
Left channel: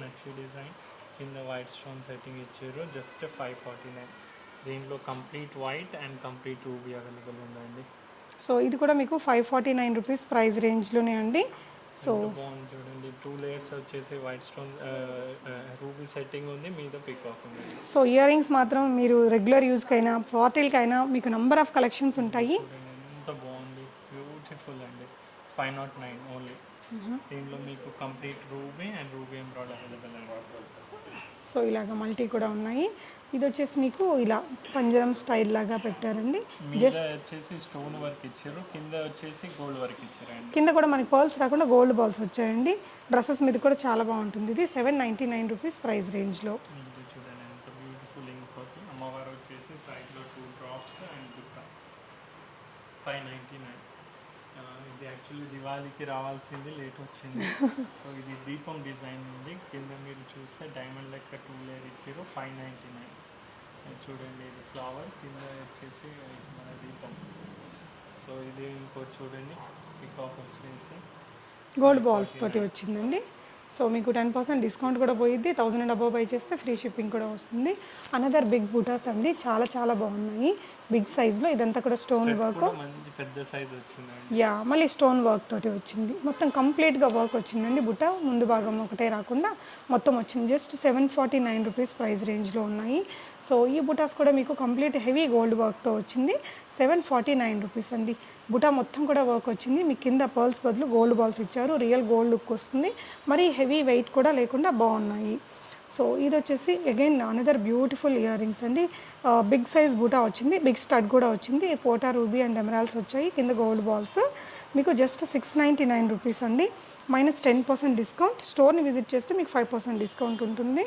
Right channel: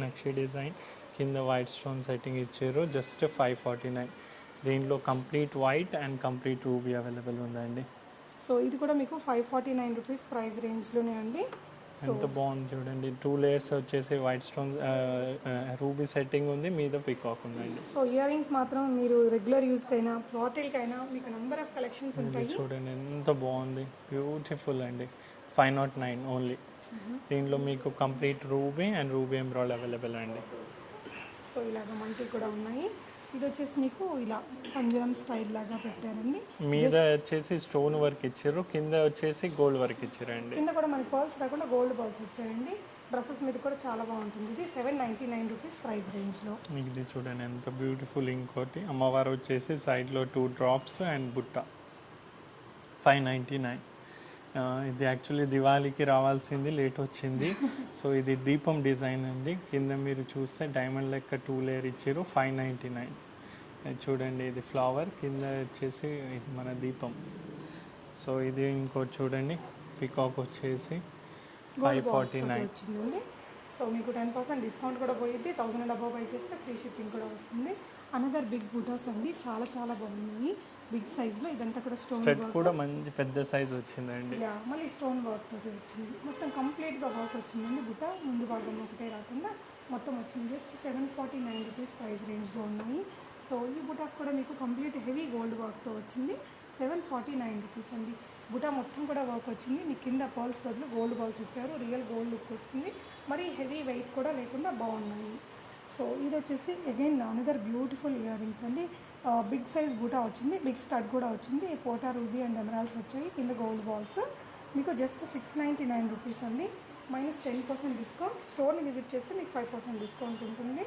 నక్షి డిజైన్, కింద వైట్ స్టోన్ సెట్టింగ్ ఇచ్చారు, జస్ట్ 549. దీంట్లో complete white and complete ruby available ఉందండి. సో ఇది కూడా మీకు 549 రూపీస్ ప్రైస్ రేంజ్లోనే అండి. ఎంత బాగుంది చూడండి. 2 లేయర్స్ వచ్చేసి వైట్ స్టోన్ రూబీ సెట్టింగ్ ఉంది, మీద పికాక్ ఉందండి. సో ఇయర్ రింగ్స్ మాత్రం మీరు రెగ్యులర్ యూస్కైనా పార్టీలకైనా మీకు నంబర్ ఆఫ్ కలెక్షన్స్ ఉంటాయి. చూడండి ఎంత బాగుంది, బ్యూటిఫుల్ అండి. 509 ఓన్లీ. దీంట్లో మీకు కంప్లీట్ రూబీ అండ్ రూబీ ఎంబ్రాయిడ్ అవైలబుల్ అండి. సో ఇలాగ మల్టీ కూడా ఉన్నాయి. ఇది వచ్చేసి మీకు ఇలా పంజరం స్టైల్ లాగా పెట్టారండి. మీద వచ్చేసి స్టోన్ వర్క్ ఇచ్చారు, కింద వచ్చేసి గోల్డ్ వర్క్ ఇచ్చారండి. కింద కూడా మనకి పర్ల్స్ రాకుండా గోల్డ్ బాల్స్ వచ్చాయండి. డ్రెస్సెస్ మీద కూడా చాలా బాగుంటుంది. ఇది 799 రూపీస్ ప్రైస్ రేంజ్లో. ఇది చూడండి ఎంత బ్యూటిఫుల్. ఇంకోటి అమ్మవారు వచ్చేసి సైడ్లో 2 డ్రాప్స్ అండ్ బుట్ట 599. ఇది యాక్చువల్లీ దివాళీకి రావాల్సింది, లేట్ వచ్చింది. సో ఇది దీపం డిజైన్ అండి. కింద మీరు చూస్తే డైమండ్ లెక్క 2 లేయర్ ఇచ్చారు, 599. చూడండి ఇది ఫ్లవర్, కింద వచ్చేసి ఇది మన దీపం. సో ఇది ఇంకోటి చూడండి, పికాక్ వచ్చేసి గోల్డ్ బాల్స్ తోటి వచ్చిందండి. సో మీకు 10% డిస్కౌంట్ కూడా పోయింది. 1000 అండ్ అబవ్ బై చేస్తే ఫ్రీ షిప్పింగ్ కూడా వస్తుంది. అనదర్ బిగ్ బూటాస్ అండి, చాలా చాలా బాగున్నాయి. బిగ్ సైజ్లో ఇదంతా కూడా స్టోన్ వర్క్ కూడా మంచి పెద్ద సైజ్ వచ్చిందండి. యా, మళ్ళీ స్టోన్ వర్క్ తోటి వచ్చింది. మొత్తం కంప్లీట్గా వర్క్ వచ్చిందండి. బుట్ట ముందు భాగం ఒకటే రాకుండా మొత్తం వచ్చింది. జస్ట్ 749 రూపీస్ ప్రైస్ రేంజ్లో ఉన్నాయి. సో ఈ బుటాస్ కూడా మీకు కంప్లీట్ హెవీ గోల్డ్ వర్క్తో వచ్చింది. 749 రూపీస్ అండి. బుటా మొత్తం కూడా వర్క్ వచ్చింది. మీకు కింద పర్ల్స్ బదులు గోల్డ్ బాల్స్ ఇచ్చారు. రియల్ గోల్డ్ లుక్ వస్తుంది. మరి హెవీ వెయిట్ కూడా లేకుండా బాగున్నాయి. సో ఇది వచ్చేసి again another beautiful ear rings అండి. బిగ్ సైజ్ బూటా వచ్చింది, బిగ్ స్టడ్ కూడా వచ్చింది. పోటా రూబీ అండ్ ఎమరాల్స్ వచ్చాయి, కింద గోల్డ్ బాల్స్. మీకు జస్ట్ 699 రూపీస్ అండి, మైనస్ 10% డిస్కౌంట్. స్టోర్ని విజిట్ చేస్తే మీకు 5% డిస్కౌంట్ ఉంటుంది.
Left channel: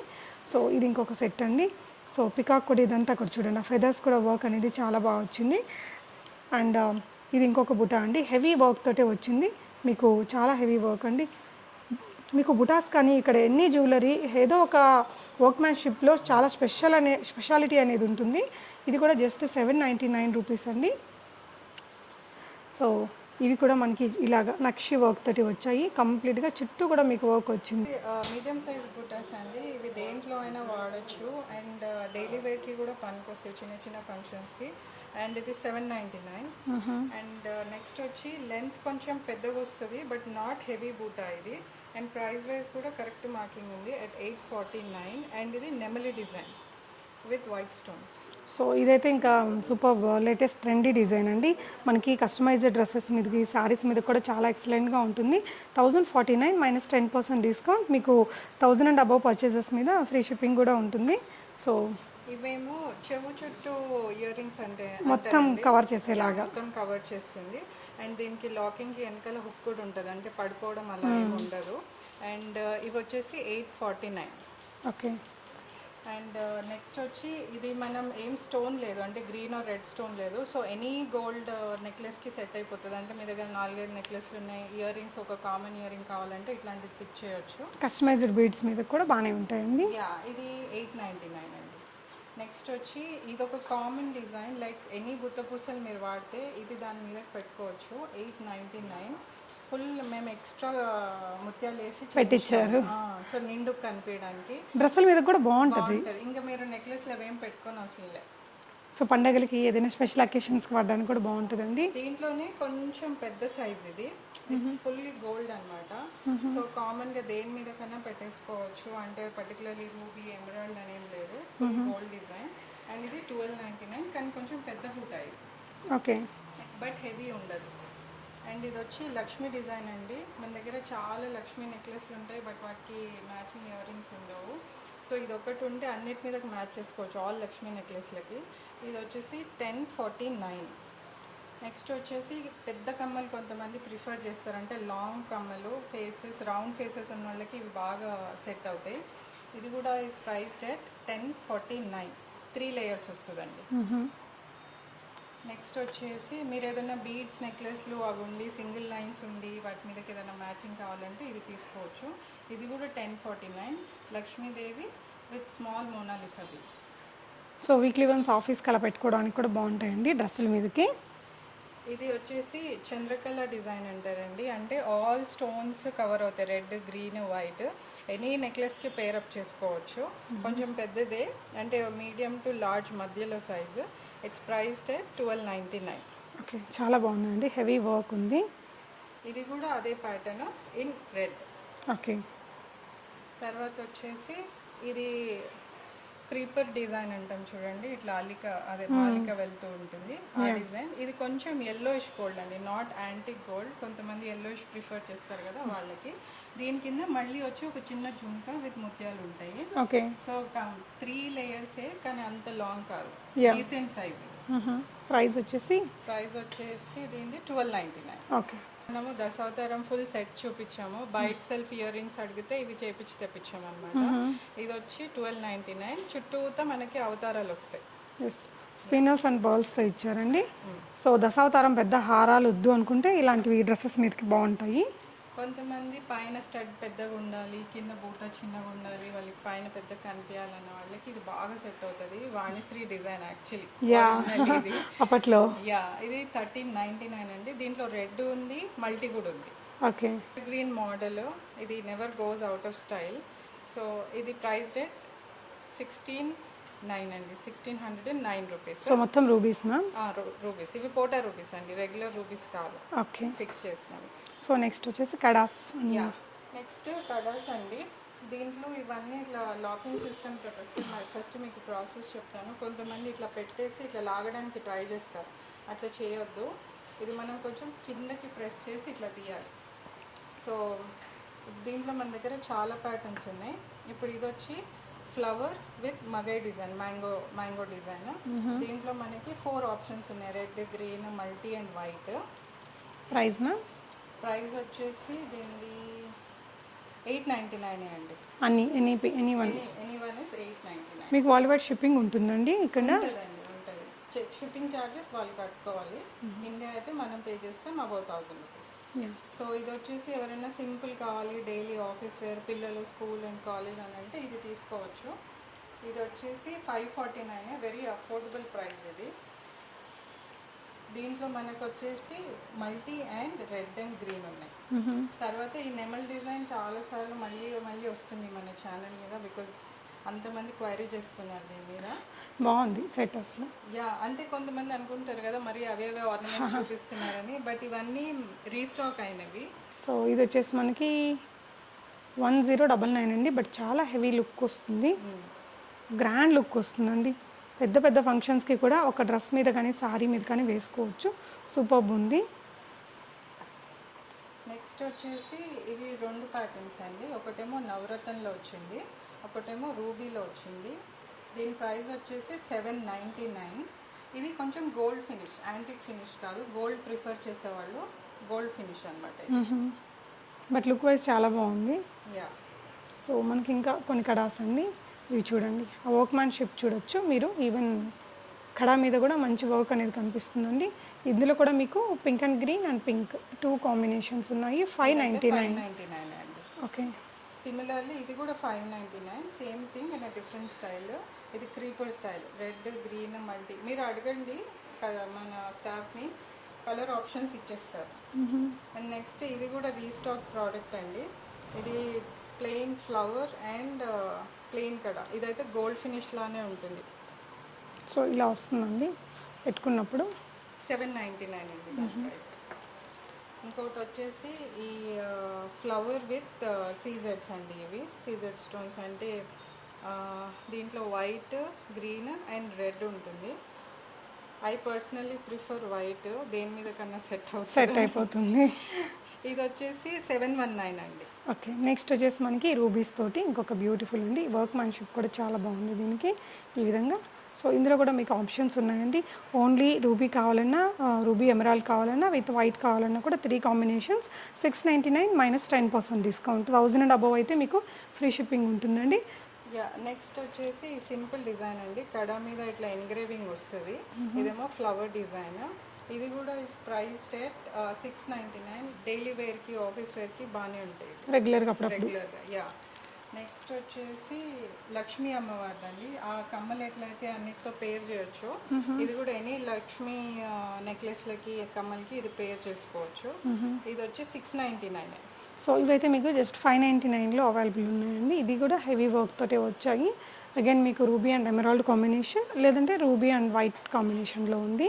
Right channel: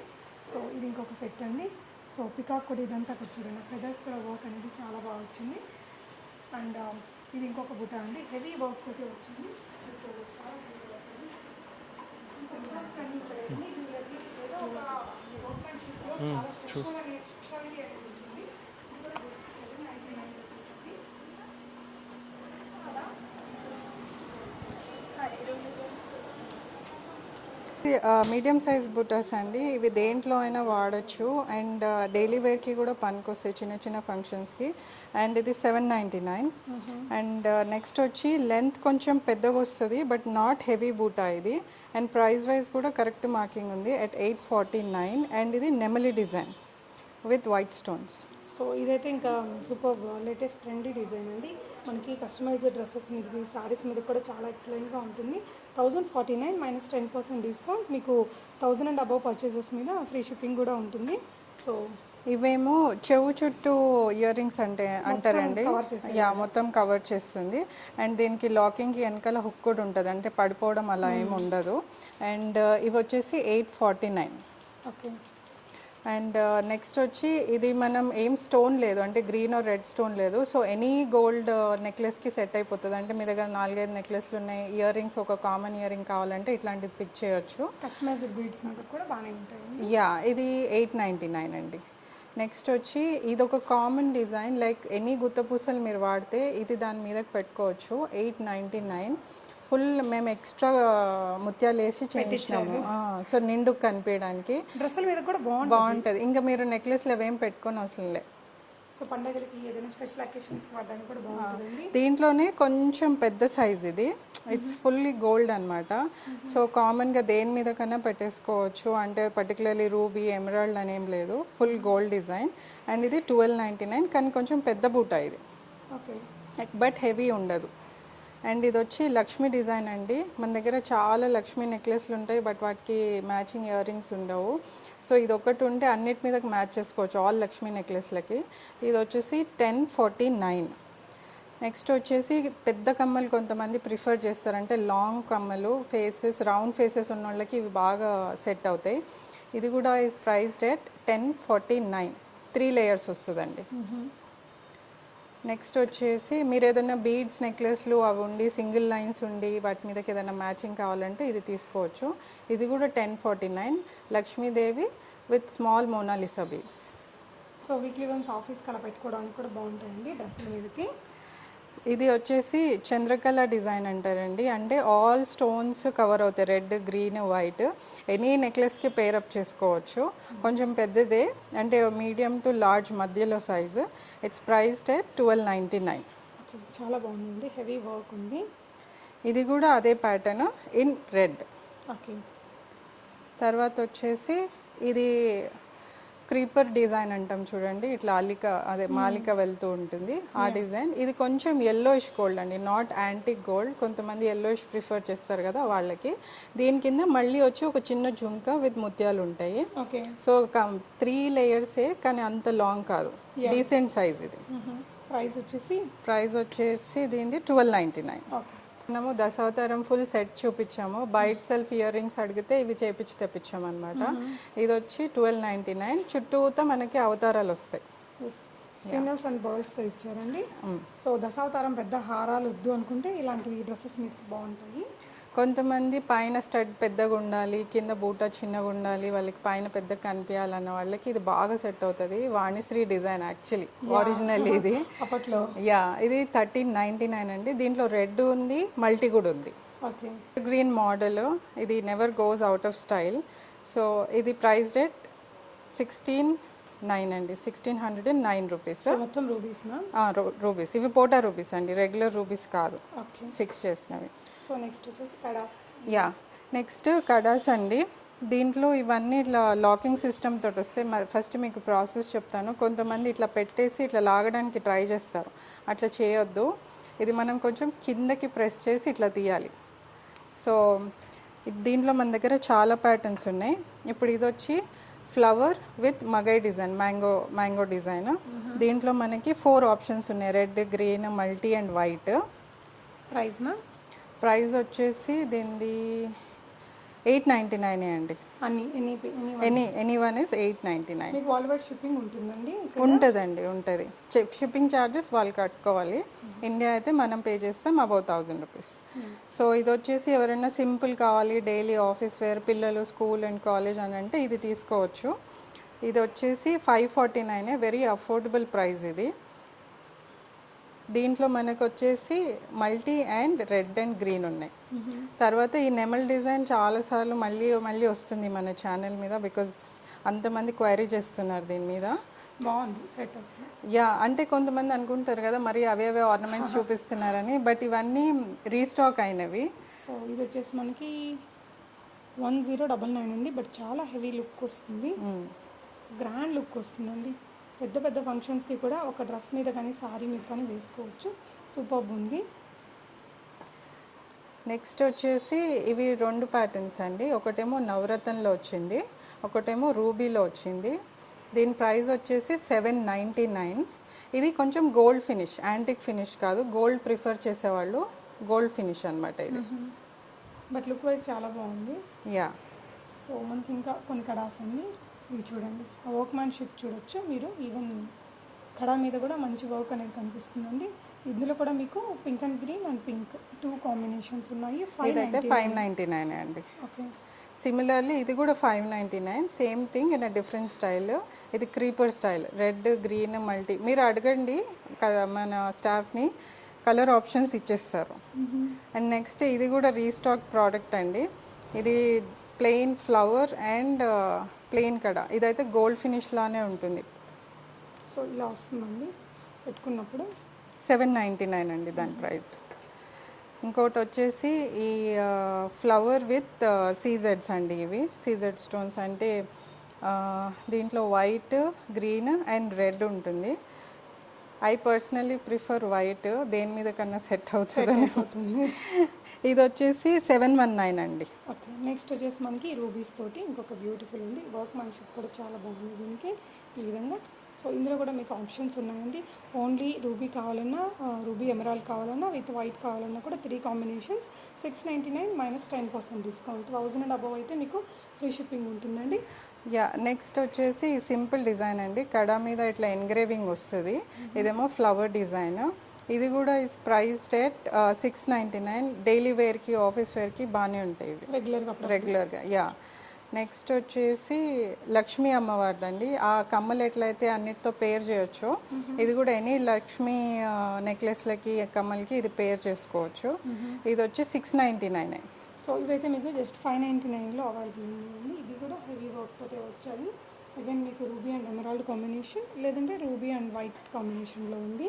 సో ఇది ఇంకొక సెట్ అండి. సో పికాక్ కూడా ఇదంతా కూడా చూడండి, ఆ ఫెదర్స్ కూడా వర్క్ అనేది చాలా బాగా వచ్చింది. అండ్ ఇది ఇంకొక బుటా అండి, హెవీ వర్క్ తోటే వచ్చింది. మీకు చాలా హెవీ వర్క్ అండి. మీకు బుటాస్ కానీ ఇక్కడ ఎన్ని జ్యువెలరీ ఏదో ఒక వర్క్మ్యాన్షిప్లో చాలా స్పెషాలిటీ అనేది ఉంటుంది. ఇది కూడా జస్ట్ 799 రూపీస్ అండి. సో ఇవి కూడా మనకి ఇలాగ నక్షి వర్క్ తోటి వచ్చాయి. కంప్లీట్గా చుట్టూ కూడా మీకు వర్క్ వచ్చింది. మీడియం సైజ్ బుటాస్ అండి. ఇవి దేంట్లో అయినా వాడచ్చు అండ్ డైలీ వేర్కి కూడా పనికొస్తాయి, చిన్న చిన్న ఫంక్షన్స్కి. అండ్ ఇది 799. అండ్ నెక్స్ట్ వచ్చి లెంత్ కొంచెం పెద్దగా వస్తుంది, బట్ నాట్ హెవీ బూటా ఇది. అండ్ ప్రైస్ వైజ్ కూడా కరెక్ట్ మార్కింగ్ ఉంది at 849. అండ్ ఇది నెమలి design with white stones. So ఇదైతే ఇంకా సూపర్ లేటెస్ట్ ట్రెండీ డిజైన్ అండి. మనకి కస్టమైజ్డ్ డ్రెస్సెస్ మీదకి, శారీస్ మీద కూడా చాలా ఎక్సలెంట్గా ఉంటుంది. 1049 మైనస్ 10% డిస్కౌంట్. మీకు 1000 అండ్ అబవ్ పర్చేజెస్ మీద ఫ్రీ షిప్పింగ్ కూడా ఉంటుంది. సో ఇవేమో చెవు చుట్టూ ఇయర్ రింగ్స్ అంటారండి, మొత్తం కవర్ చేస్తుంది. అండ్ దీనికి లాకింగ్కి వెనకాల హుక్ కూడా ఉంటుంది, అంటే పడిపోవడం అలా ఏమి ఉండదు. అండ్ ఇవి వచ్చేసి 849. ఓకే. అండ్ నెక్స్ట్ వచ్చి ఇది మనం ఏం స్టోన్ లేదు, అంటే గ్రీన్ ఆర్ రెడ్ స్టోన్ లేదు. సో ఎనీ గోల్డ్ నెక్లెస్కి సెట్ అయిపోతుంది. అంటే మీ దగ్గర 4-5 నెక్లెస్లు ఉన్నాయి, ఇయర్ రింగ్స్ ఒక కామన్ ఇయర్ రింగ్ కావాలంటే ఇట్లాంటిది పిక్ చేయొచ్చు. కస్టమైజ్డ్ బీడ్స్ మీద కూడా బాగానే ఉంటాయండి. యా, ఇది 899 అండి. నెక్స్ట్ వచ్చి ఇది ఒక కామన్ డిజైన్, లైక్ ఎనీ గుత్తపూసలు మీరు వాడితే ఇది దాని మీదకి పెట్టుకోవచ్చు. 899. ఫుల్ మేము ఎక్స్ట్రా ముత్యాలు వేసి పెట్టించారు. సో నిండుకు కనిపించడానికి డ్రెస్సుల మీద కూడా బాగుంటుంది. ఇంకా మీరు నెక్లెస్లు అవేం పెట్టుకొని అవసరం లేదు. సో పండగలకి ఏదైనా స్పెషల్ అకేషన్స్కి వాడడానికి కూడా బాగుంటుందండి. దీంట్లోనే కొంచెం పెద్ద సైజ్ ఇది, ఇట్స్ ఫుల్లీ గోల్డ్ అనమాట. సో కామన్గా దేని మీద కన్నా పెట్టేసుకోవచ్చు, అంటే పర్టికులర్లీ రూబీ ఎమరాల్డ్ అనేం లేదు, ఫుల్ గోల్డ్ డిజైన్. అండ్ ఇది 1299, కానీ కొంచెం పెద్ద బూటా ఇది. ఓకే. బట్ హెవీ ఉండదు. అండ్ ఇది వచ్చి లక్ష్మీ డిజైన్ అండి. మన దగ్గర చాలా లక్ష్మీ నెక్లెస్లు ఉంటాయి, బట్ వాటికి మ్యాచింగ్ ఇయర్ రింగ్స్ ఉండవు. సో ఇది ఒకటి ఉంటే అన్నిటి మీదకి మ్యాచ్ చేసుకోవచ్చు, ఆల్ లక్ష్మీ నెక్లెస్లకి. ఇది వచ్చేసి 1049. నెక్స్ట్ వచ్చేసి పెద్ద కమ్మలు కొంతమంది ప్రిఫర్ చేస్తారు, అంటే లాంగ్ కమ్మలు, ఫేసెస్ రౌండ్ ఫేసెస్ ఉన్న వాళ్ళకి ఇవి బాగా సెట్ అవుతాయి. ఇది కూడా ఈజ్ ప్రైస్డ్ at 1049. 3 లేయర్స్ వస్తుందండి. నెక్స్ట్ వచ్చేసి మీరు ఏదైనా బీడ్స్ నెక్లెస్లు అవి ఉండి సింగిల్ లైన్స్ ఉండి వాటి మీదకి ఏదైనా మ్యాచింగ్ కావాలంటే ఇది తీసుకోవచ్చు. ఇది కూడా 1049. Lakshmidevi with small Mona Lisa beads. So weekly once ఆఫీస్కి అలా పెట్టుకోవడానికి కూడా బాగుంటాయండి డ్రెస్సుల మీదకి. ఇది వచ్చేసి చంద్రకళ డిజైన్ అంటారండి, అంటే ఆల్ స్టోన్స్ కవర్ అవుతాయి, రెడ్, గ్రీన్, వైట్. ఎనీ నెక్లెస్కి పేరప్ చేసుకోవచ్చు. కొంచెం పెద్దదే, అంటే మీడియం టు లార్జ్ మధ్యలో size. It's priced at 1299. Okay, చాలా బాగుందండి, హెవీ వర్క్ ఉంది. ఇది కూడా అదే ప్యాటర్న్ ఇన్ రెడ్. ఓకే. తర్వాత వచ్చేసి ఇది క్రీపర్ డిజైన్ అంటాం చూడండి, ఇట్లా అల్లిక అదే మాలిక వెళ్తూ ఉంటుంది ఆ డిజైన్. ఇది కొంచెం ఎల్లోయిష్ గోల్డ్ అండి, నాట్ యాంటిక్ గోల్డ్. కొంతమంది ఎల్లోయిష్ ప్రిఫర్ చేస్తారు కదా వాళ్ళకి. దీని కింద మళ్ళీ వచ్చి ఒక చిన్న జుంక విత్ ముత్యాలు ఉంటాయి. ఓకే. సో 3 లేయర్సే, కానీ అంత లాంగ్ కాదు, డీసెంట్ సైజ్ ఇది. ప్రైస్ వచ్చేసి దీనిది 1299. ఓకే. మనము దశావతారం ఫుల్ సెట్ చూపించాము. బైట్ సెల్ఫ్ ఇయర్ రింగ్స్ అడిగితే ఇవి చేపించి తెప్పించాము అనమాట. ఇది వచ్చి 1299. చుట్టూతో మనకి అవతారాలు వస్తాయి. స్పిన్నర్స్ అండ్ బాల్స్తో ఇచ్చారండి. సో దశావతారం పెద్ద హారాలు వద్దు అనుకుంటే ఇలాంటివి డ్రెస్సెస్ మీదకి బాగుంటాయి. కొంతమంది పైన స్టడ్ పెద్దగా ఉండాలి, కింద బూట చిన్నగా ఉండాలి, వాళ్ళకి పైన పెద్ద కనిపించాలన్న వాళ్ళకి ఇది బాగా సెట్ అవుతుంది. వాణిశ్రీ డిజైన్ యాక్చువల్లీ ఒరిజినల్ ఇది అప్పట్లో. ఇది 1399 అండి. దీంట్లో రెడ్ ఉంది, మల్టీ కూడా ఉంది. ఓకే. గ్రీన్ మోడల్, ఇది never goes out of style. So ఇది ప్రైస్ రేట్ 16,900 అండి, 1609 రూపీస్. సో మొత్తం రూబీస్ మ్యామ్? రూబీస్. ఇవి పోటా రూబీస్ అండి, రెగ్యులర్ రూబీస్ కాదు. ఓకే. ఫిక్స్ చేసినవి. సో నెక్స్ట్ వచ్చేసి కడాస్. నెక్స్ట్ కడాస్ అండి. దీంట్లో ఇవన్నీ ఇట్లా లాకింగ్ సిస్టమ్ తోటి వస్తాయి. ఫస్ట్ మీకు ప్రాసెస్ చెప్తాను. కొంతమంది ఇట్లా పెట్టేసి ఇట్లా లాగడానికి ట్రై చేస్తారు, అట్లా చేయొద్దు. ఇది మనం కొంచెం కిందకి ప్రెస్ చేసి ఇట్లా తీయాలి. సో దీంట్లో మన దగ్గర చాలా ప్యాటర్న్స్ ఉన్నాయి. ఇప్పుడు ఇది వచ్చి ఫ్లవర్ విత్ మగై డిజైన్, మ్యాంగో డిజైన్. దీంట్లో మనకి 4 ఆప్షన్స్ ఉన్నాయి, red, green, multi and white. Price వచ్చేసి దీనిది 899 అండి. Any one is 899. మీకు వరల్డ్ వైడ్ షిప్పింగ్ ఉంటుందండి? ఉంటుందండి, ఉంటుంది. షిప్పింగ్ ఛార్జెస్ వాళ్ళు కట్టుకోవాలి. ఇండియా అయితే మనం పే చేస్తాం అబౌట్ 1000 రూపీస్. సో ఇది వచ్చేసి ఎవరైనా సింపుల్ కావాలి, డైలీ ఆఫీస్ వేర్, పిల్లలు స్కూల్ అండ్ కాలేజ్ అని అంటే ఇది తీసుకోవచ్చు. ఇది వచ్చేసి 549, వెరీ అఫోర్డబుల్ ప్రైస్ ఇది. దీంట్లో మనకు వచ్చేసి multi and red and green ఉన్నాయి. తర్వాత ఈ నెమల్ డిజైన్ చాలాసార్లు మళ్ళీ వస్తుంది మన ఛానల్ మీద, బికాజ్ అంతమంది క్వైరీ చేస్తున్నారు దీని మీద. బాగుంది సెటర్స్. అంటే కొంతమంది అనుకుంటారు కదా మరి అవే ఆర్నమెంట్స్ చూపిస్తున్నారని, బట్ ఇవన్నీ రీస్టాక్ అయినవి. సో ఇది వచ్చేసి మనకి 1099 అండి, బట్ చాలా హెవీ లుక్ వస్తుంది, గ్రాండ్ లుక్ వస్తుందండి. పెద్ద పెద్ద ఫంక్షన్స్కి కూడా ఒక డ్రెస్ మీద కానీ శారీ మీద కానీ వేసుకోవచ్చు. సూపర్బ్ ఉంది. నెక్స్ట్ వచ్చేసి ఇవి 2 ప్యాటర్న్స్ అండి. ఒకటేమో నవరత్నంలో వచ్చింది, ఒకటేమో రూబీలో వచ్చింది. దీని ప్రైస్ వచ్చేసి 799. ఇది కొంచెం గోల్డ్ ఫినిష్, యాంటిక్ ఫినిష్ కాదు. గోల్డ్ ప్రిఫర్ చేసేవాళ్ళు గోల్డ్ ఫినిష్ అనమాట ఇది. బట్ లుక్ వైజ్ చాలా బాగుంది. సో మనకి ఇంకా కొన్ని కడాస్ అండి, ఇవి చూడండి. ఆ వర్క్ మ్యాన్షిప్ చూడొచ్చు మీరు. ఈవెన్ కడా మీద కూడా మంచి వర్క్ అనేది కనిపిస్తుందండి. ఇందులో కూడా మీకు pink and green and pink 2 combinations ఉన్నాయి. 599 అండి. ఓకే. సిమిలర్లీ ఇది కూడా 599, same thing in a different style. ఇది creeper style, red, green, multi. మీరు అడగండి మన స్టాఫ్ని, కలర్ ఆప్షన్స్ ఇచ్చేస్తారు. అండ్ నెక్స్ట్ ఇది కూడా రీస్టాక్ ప్రోడక్ట్ అండి. ఇది ప్లెయిన్ ఫ్లవర్ అండ్ ప్లెయిన్ కడా. ఇదైతే గోల్డ్ ఫినిష్లోనే ఉంటుంది. సో ఇలా వస్తుందండి పెట్టుకున్నప్పుడు. 799 అండి దాని ప్రైస్. ఇంకోటి వచ్చేసి ఈ ఫ్లవర్ విత్ సీజెడ్స్ అండి. ఇవి సీజెడ్ స్టోన్స్ అంటే దీంట్లో వైట్, గ్రీన్ అండ్ రెడ్ ఉంటుంది. ఐ పర్సనలీ ప్రిఫర్ వైట్, దేని మీద కన్నా సెట్ అయిపోతుంది. ఇది వచ్చేసి 719 అండి. ఓకే. నెక్స్ట్ వచ్చేసి మనకి రూబీస్ తోటి ఇంకొక బ్యూటిఫుల్ ఉంది. వర్క్ మ్యాన్షిప్ కూడా చాలా బాగుంది దీనికి ఈ విధంగా. సో ఇందులో కూడా మీకు ఆప్షన్స్ ఉన్నాయండి. ఓన్లీ రూబీ కావాలన్నా, రూబీ ఎమరాల్డ్ కావాలన్నా, విత్ వైట్ కావాలన్నా కూడా 3 combinations. 699 minus 10% discount. 1000 and above అయితే మీకు ఫ్రీ షిప్పింగ్ ఉంటుందండి. నెక్స్ట్ వచ్చేసి సింపుల్ డిజైన్ అండి. కడా మీద ఇట్లా ఎన్గ్రేవింగ్ వస్తుంది. ఇదేమో ఫ్లవర్ డిజైన్. ఇది కూడా ఇస్ ప్రైస్ రేట్ 699. డైలీ వేర్కి, ఆఫీస్ వేర్కి బాగానే ఉంటాయి రెగ్యులర్గా. నెక్స్ట్ వచ్చేసి లక్ష్మీ అమ్మవారిదండి. ఆ కమ్మలు ఎట్లయితే అన్నిటితో పేర్ చేయొచ్చు, ఇది కూడా ఎనీ లక్ష్మీ నెక్లెస్లకి, కమ్మలకి ఇది పేర్ చేసుకోవచ్చు. ఇది వచ్చి 699. సో ఇవైతే మీకు జస్ట్ 599లో అవైలబుల్ ఉన్నాయండి. ఇది కూడా హెవీ వర్క్ తోటే వచ్చాయి. అగైన్ మీకు రూబీ అండ్ ఎమరాల్డ్ కాంబినేషన్, లేదంటే రూబీ అండ్ వైట్ కాంబినేషన్లో ఉంది.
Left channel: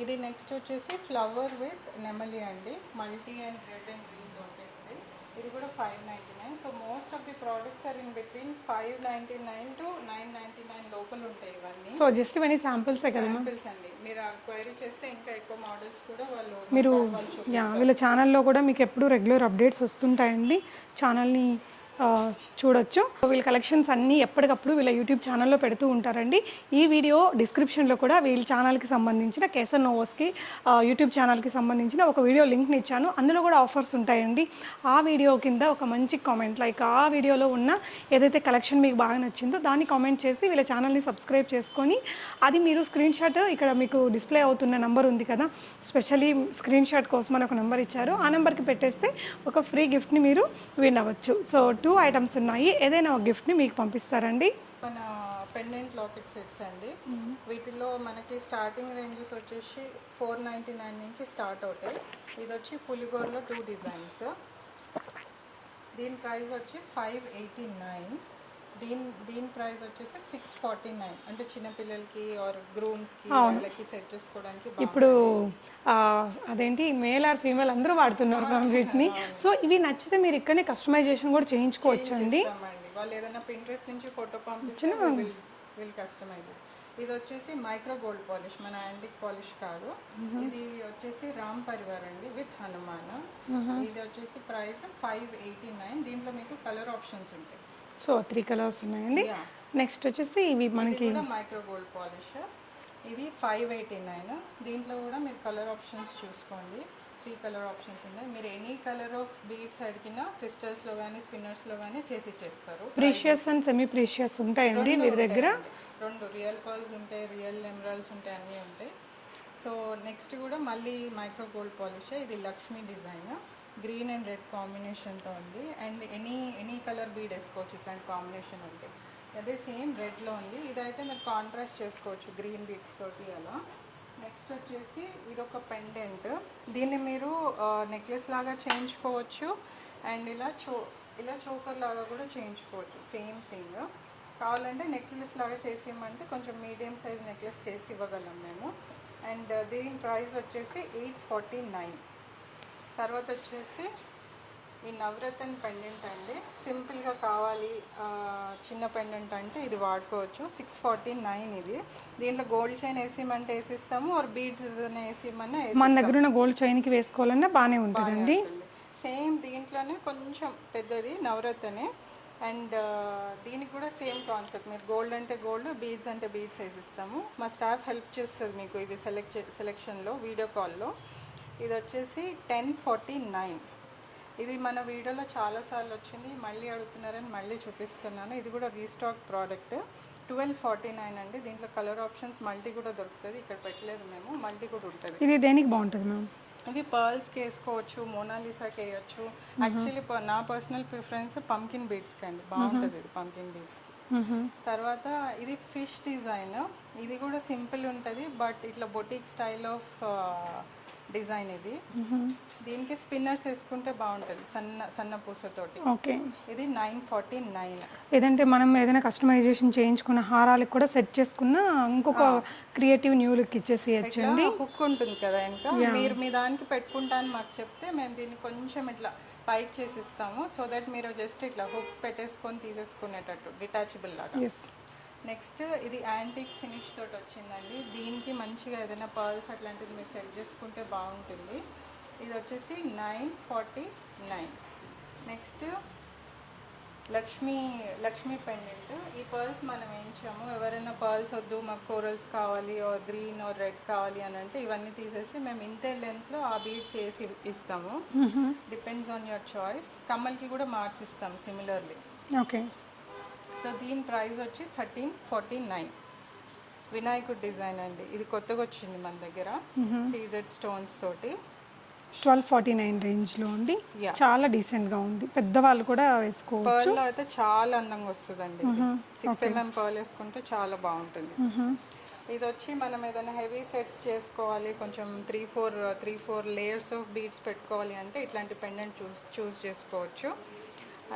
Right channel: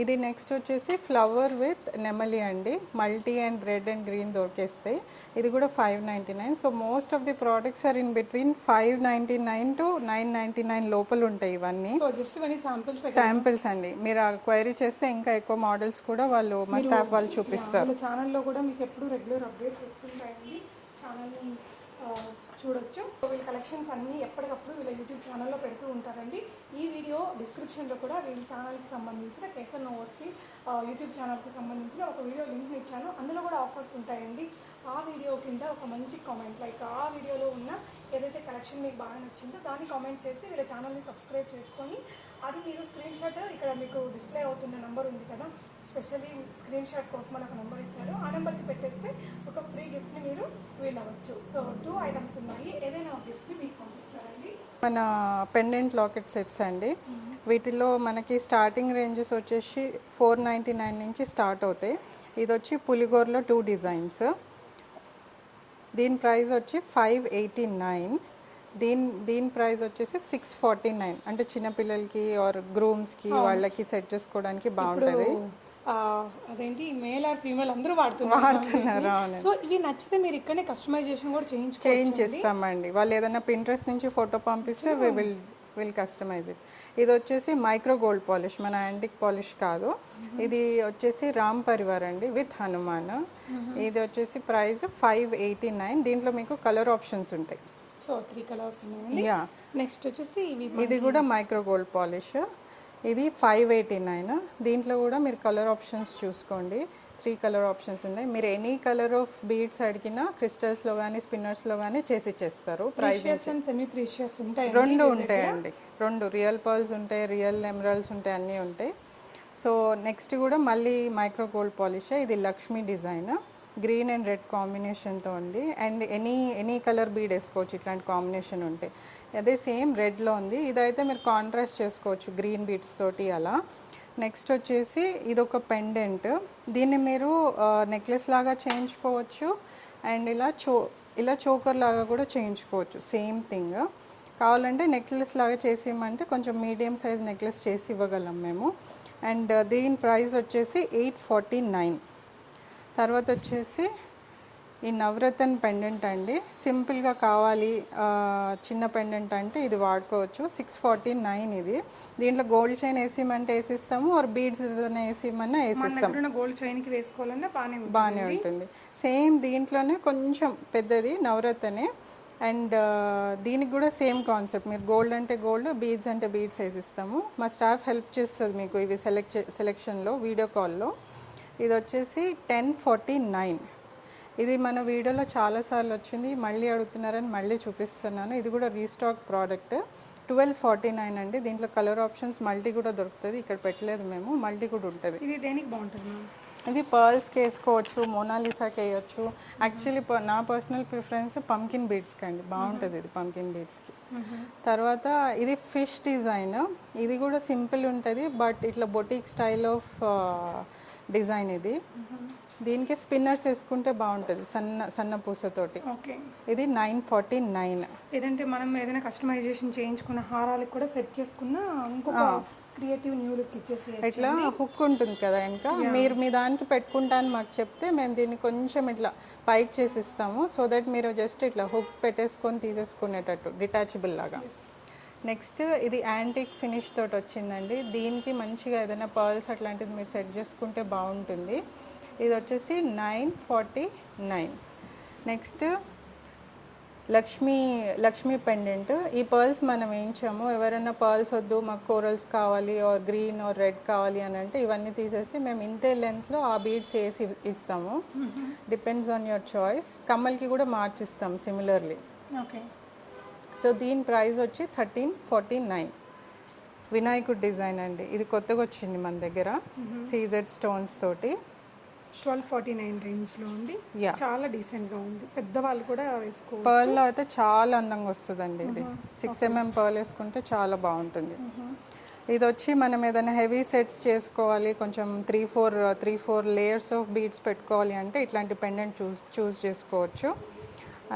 ఇది నెక్స్ట్ వచ్చేసి ఫ్లవర్ విత్ నెమలి అండి, multi and red and green దొరికేస్తాయి. ఇది కూడా 599. So most of the products are in between 599 to 999 లోపల ఉంటాయి ఇవన్నీ. సో జస్ట్ ఇవన్నీ శాంపిల్స్ అండి. మీరు క్వైరీ చేస్తే ఇంకా ఎక్కువ మోడల్స్ కూడా వాళ్ళు మా స్టాఫ్ వాళ్ళు చూపిస్తారు. వీళ్ళ ఛానల్లో కూడా మీకు ఎప్పుడు రెగ్యులర్ అప్డేట్స్ వస్తుంటాయండి, ఛానల్ని చూడొచ్చు. వీళ్ళ కలెక్షన్స్ అన్నీ ఎప్పటికప్పుడు వీళ్ళ యూట్యూబ్ ఛానల్లో పెడుతూ ఉంటారండి. ఈ వీడియో డిస్క్రిప్షన్లో కూడా వీళ్ళ ఛానల్కి సంబంధించిన కేసర్ నోవోస్కి యూట్యూబ్ ఛానల్కి సంబంధించిన ఒక వీడియో లింక్ని ఇచ్చాను. అందులో కూడా ఆఫర్స్ ఉంటాయండి. ఆ వీడియో కింద ఒక మంచి కామెంట్, లైక్ ఆ వీడియోలో ఉన్న ఏదైతే కలెక్షన్ మీకు బాగా నచ్చిందో దాన్ని కామెంట్ చేసి వీళ్ళ ఛానల్ని సబ్స్క్రైబ్ చేసుకొని, అది మీరు స్క్రీన్ షాట్ ఇక్కడ మీకు డిస్ప్లే అవుతున్న నెంబర్ ఉంది కదా, స్పెషల్లీ స్క్రీన్ షాట్ కోసం అని ఒక నెంబర్ ఇచ్చారు. ఆ నెంబర్కి పెట్టేస్తే ఒక ఫ్రీ గిఫ్ట్ని మీరు విన్ అవ్వచ్చు. సో 2 ఐటమ్స్ ఉన్నాయి, ఏదైనా ఒక గిఫ్ట్ని మీకు పంపిస్తారండి. మన పెండెంట్ లాకెట్ సెట్స్ అండి. వీటిలో మనకి స్టార్టింగ్ రేంజెస్ వచ్చేసి 499 నుంచి స్టార్ట్ అవుతాయి. ఇది వచ్చి పులిగోరలో 2 డిజైన్స్. దీని ప్రైస్ వచ్చి 589. దీని ప్రైస్ వచ్చేసి 649. అంటే చిన్నపిల్లలకి ఆర్ గ్రూమ్స్కి వాళ్ళకి సెట్ చేసుకోవడానికి బాగుంటుంది. అదేంటి మేల్ ఆర్ ఫీమేల్ అందరూ వాడుతున్నారు. సో ఇవి నచ్చితే మీరు ఇక్కడనే కస్టమైజేషన్ కూడా చేస్తామండి. వాళ్ళు ఏదైనా పింట్రెస్ట్ నుంచి ఫోటో పంపిస్తే విల్ కస్టమైజ్ ఇట్. ఇది వచ్చేసి మైక్రో గోల్డ్ పాలిష్, మన యాంటిక్ పాలిష్ కాదు. ఇది వచ్చేసి రామ్ పరివార్ అండి విత్ హనుమాన్. ఇది వచ్చేసి ప్రైస్ 589. దీంట్లో మీకు కలర్ ఆప్షన్స్ ఉంటాయి. సో 3 కలర్స్ ఉన్నాయండి. నెక్స్ట్ వచ్చేసి ఇది కూడా మైక్రో గోల్డ్ పాలిష్. ఇది 589. దీంట్లో కూడా మీరు కలర్ ఆప్షన్స్ చూసుకోండి. 3 కలర్ ఆప్షన్స్ ఉన్నాయి. మీరు ఎనీ కలర్ ఆఫ్ బీడ్స్ అడిగినా క్రిస్టల్స్లో కానీ స్పిన్నర్స్లో కానీ చేసి ఇచ్చేస్తారు. ప్రీషియస్ అండ్ సెమీ ప్రీషియస్ ఉంటాయి. 2 ఉంటాయండి. 2 రియల్ పర్ల్స్ ఉంటాయి, రియల్ ఎమరాల్డ్స్ ఉంటాయి, అన్నీ ఉంటాయి. సో నెక్స్ట్ కూడా మళ్ళీ మైక్రో గోల్డ్ పాలిష్. ఇది Lakshmi design, green and red కాంబినేషన్తో ఉంది. అండ్ ఎనీ కలర్ బీడ్ వేసుకోవచ్చు, ఇట్లాంటి కాంబినేషన్ ఉంటాయి. అదే సేమ్ రెడ్లో ఉంది. ఇదైతే మీరు కాంట్రాస్ట్ చేసుకోవచ్చు గ్రీన్ బీడ్స్ తోటి అలా. నెక్స్ట్ వచ్చేసి ఇది ఒక పెండెంట్. దీన్ని మీరు నెక్లెస్ లాగా చేయించుకోవచ్చు అండ్ ఇలా చోకర్ లాగా కూడా చేయించుకోవచ్చు. Same thing. కావాలంటే నెక్లెస్ లాగా చేసి ఇవ్వమంటే కొంచెం మీడియం సైజ్ నెక్లెస్ చేసి ఇవ్వగలం మేము. అండ్ దీని ప్రైస్ వచ్చేసి 849. తర్వాత వచ్చేసి ఈ నవరత్న పెండెంట్ అండి. సింపుల్గా కావాలి చిన్న పెండెంట్ అంటే ఇది వాడుకోవచ్చు. 649 ఇది. దీంట్లో గోల్డ్ చైన్ వేసిమంటే వేసిస్తాము, ఆర్ బీడ్స్ ఏదైనా వేసిమన్నా మన దగ్గర ఉన్న గోల్డ్ చైన్కి వేసుకోవాలన్నా బాగానే ఉంటుంది. సేమ్ దీంట్లోనే కొంచెం పెద్దది నవరత్నే. అండ్ దీనికి కూడా సేమ్ కాన్సెప్ట్. మీరు గోల్డ్ అంటే గోల్డ్, బీడ్స్ అంటే బీడ్స్ వేసిస్తాము. మా స్టాఫ్ హెల్ప్ చేస్తుంది మీకు ఇవి సెలెక్షన్లో వీడియో కాల్లో. ఇది వచ్చేసి 1049. ఇది మన వీడియోలో చాలాసార్లు వచ్చింది, మళ్ళీ అడుగుతున్నారని మళ్ళీ చూపిస్తున్నాను. ఇది కూడా రీస్టాక్ ప్రోడక్ట్. 1249 అండి. దీంట్లో కలర్ ఆప్షన్స్ మల్టీ కూడా దొరుకుతుంది. ఇక్కడ పెట్టలేదు మేము, మల్టీ కూడా ఉంటుంది. ఇది దేనికి బాగుంటుంది మ్యామ్? ఇది పర్ల్స్కి వేసుకోవచ్చు, మోనాలిసాకి వేయచ్చు. యాక్చువల్లీ నా పర్సనల్ ప్రిఫరెన్స్ పంకిన్ బీడ్స్కి అండి, బాగుంటుంది ఇది పంకిన్ బీడ్స్కి. తర్వాత ఇది ఫిష్ డిజైన్. ఇది కూడా సింపుల్ ఉంటుంది, బట్ ఇట్లా బొటిక్ స్టైల్ ఆఫ్ డిజైన్ ఇది. దీనికి స్పిన్నర్స్ వేసుకుంటే బాగుంటుంది, సన్న పూసతోటి. ఓకే. ఇది 949. ఏదంటే మనం ఏదైనా కస్టమైజేషన్ చేయించుకున్న హారాలకు కూడా సెట్ చేసుకున్న ఇంకొక క్రియేటివ్ న్యూ లుక్ ఇచ్చేసి హుక్ ఉంటుంది కదా ఇంకా. మీరు మీ దానికి పెట్టుకుంటాను మాకు చెప్తే మేము దీన్ని కొంచెం ఇట్లా పైకి చేసి ఇస్తాము. సో దట్ మీరు జస్ట్ ఇట్లా హుక్ పెట్టేసుకొని తీసేసుకునేటట్టు డిటాచబుల్ లాగా. నెక్స్ట్ ఇది యాంటిక్ ఫినిష్ తోటి వచ్చిందండి. దీనికి మంచిగా ఏదైనా పర్ల్స్ అట్లాంటిది మీరు సెట్ చేసుకుంటే బాగుంటుంది. ఇది వచ్చేసి 949. Next Lakshmi pendant. ఈ పర్ల్స్ మనం వేయించాము. ఎవరైనా పర్ల్స్ వద్దు మాకు కోరల్స్ కావాలి ఆర్ గ్రీన్ ఆర్ రెడ్ కావాలి అని అంటే ఇవన్నీ తీసేసి మేము ఇంతే లెంత్లో ఆ బీడ్స్ వేసి ఇస్తాము. Depends on your choice. కమ్మల్కి కూడా మార్చిస్తాం సిమిలర్లీ. ఓకే. సో దీని ప్రైస్ వచ్చి 1349. వినాయకుడు డిజైన్ అండి. ఇది కొత్తగా వచ్చింది మన దగ్గర, సీజెడ్ స్టోన్స్ తోటి. 1249 రేంజ్లో ఉంది. చాలా డీసెంట్గా ఉంది, పెద్దవాళ్ళు కూడా వేసుకోవచ్చు. పర్ల్లో అయితే చాలా అందంగా వస్తుందండి. ఇది 6 mm పర్ల్ వేసుకుంటే చాలా బాగుంటుంది. ఇది వచ్చి మనం ఏదైనా హెవీ సెట్స్ చేసుకోవాలి, కొంచెం 3-4 లేయర్స్ ఆఫ్ బీడ్స్ పెట్టుకోవాలి అంటే ఇట్లాంటి పెండెంట్ చూస్ చేసుకోవచ్చు.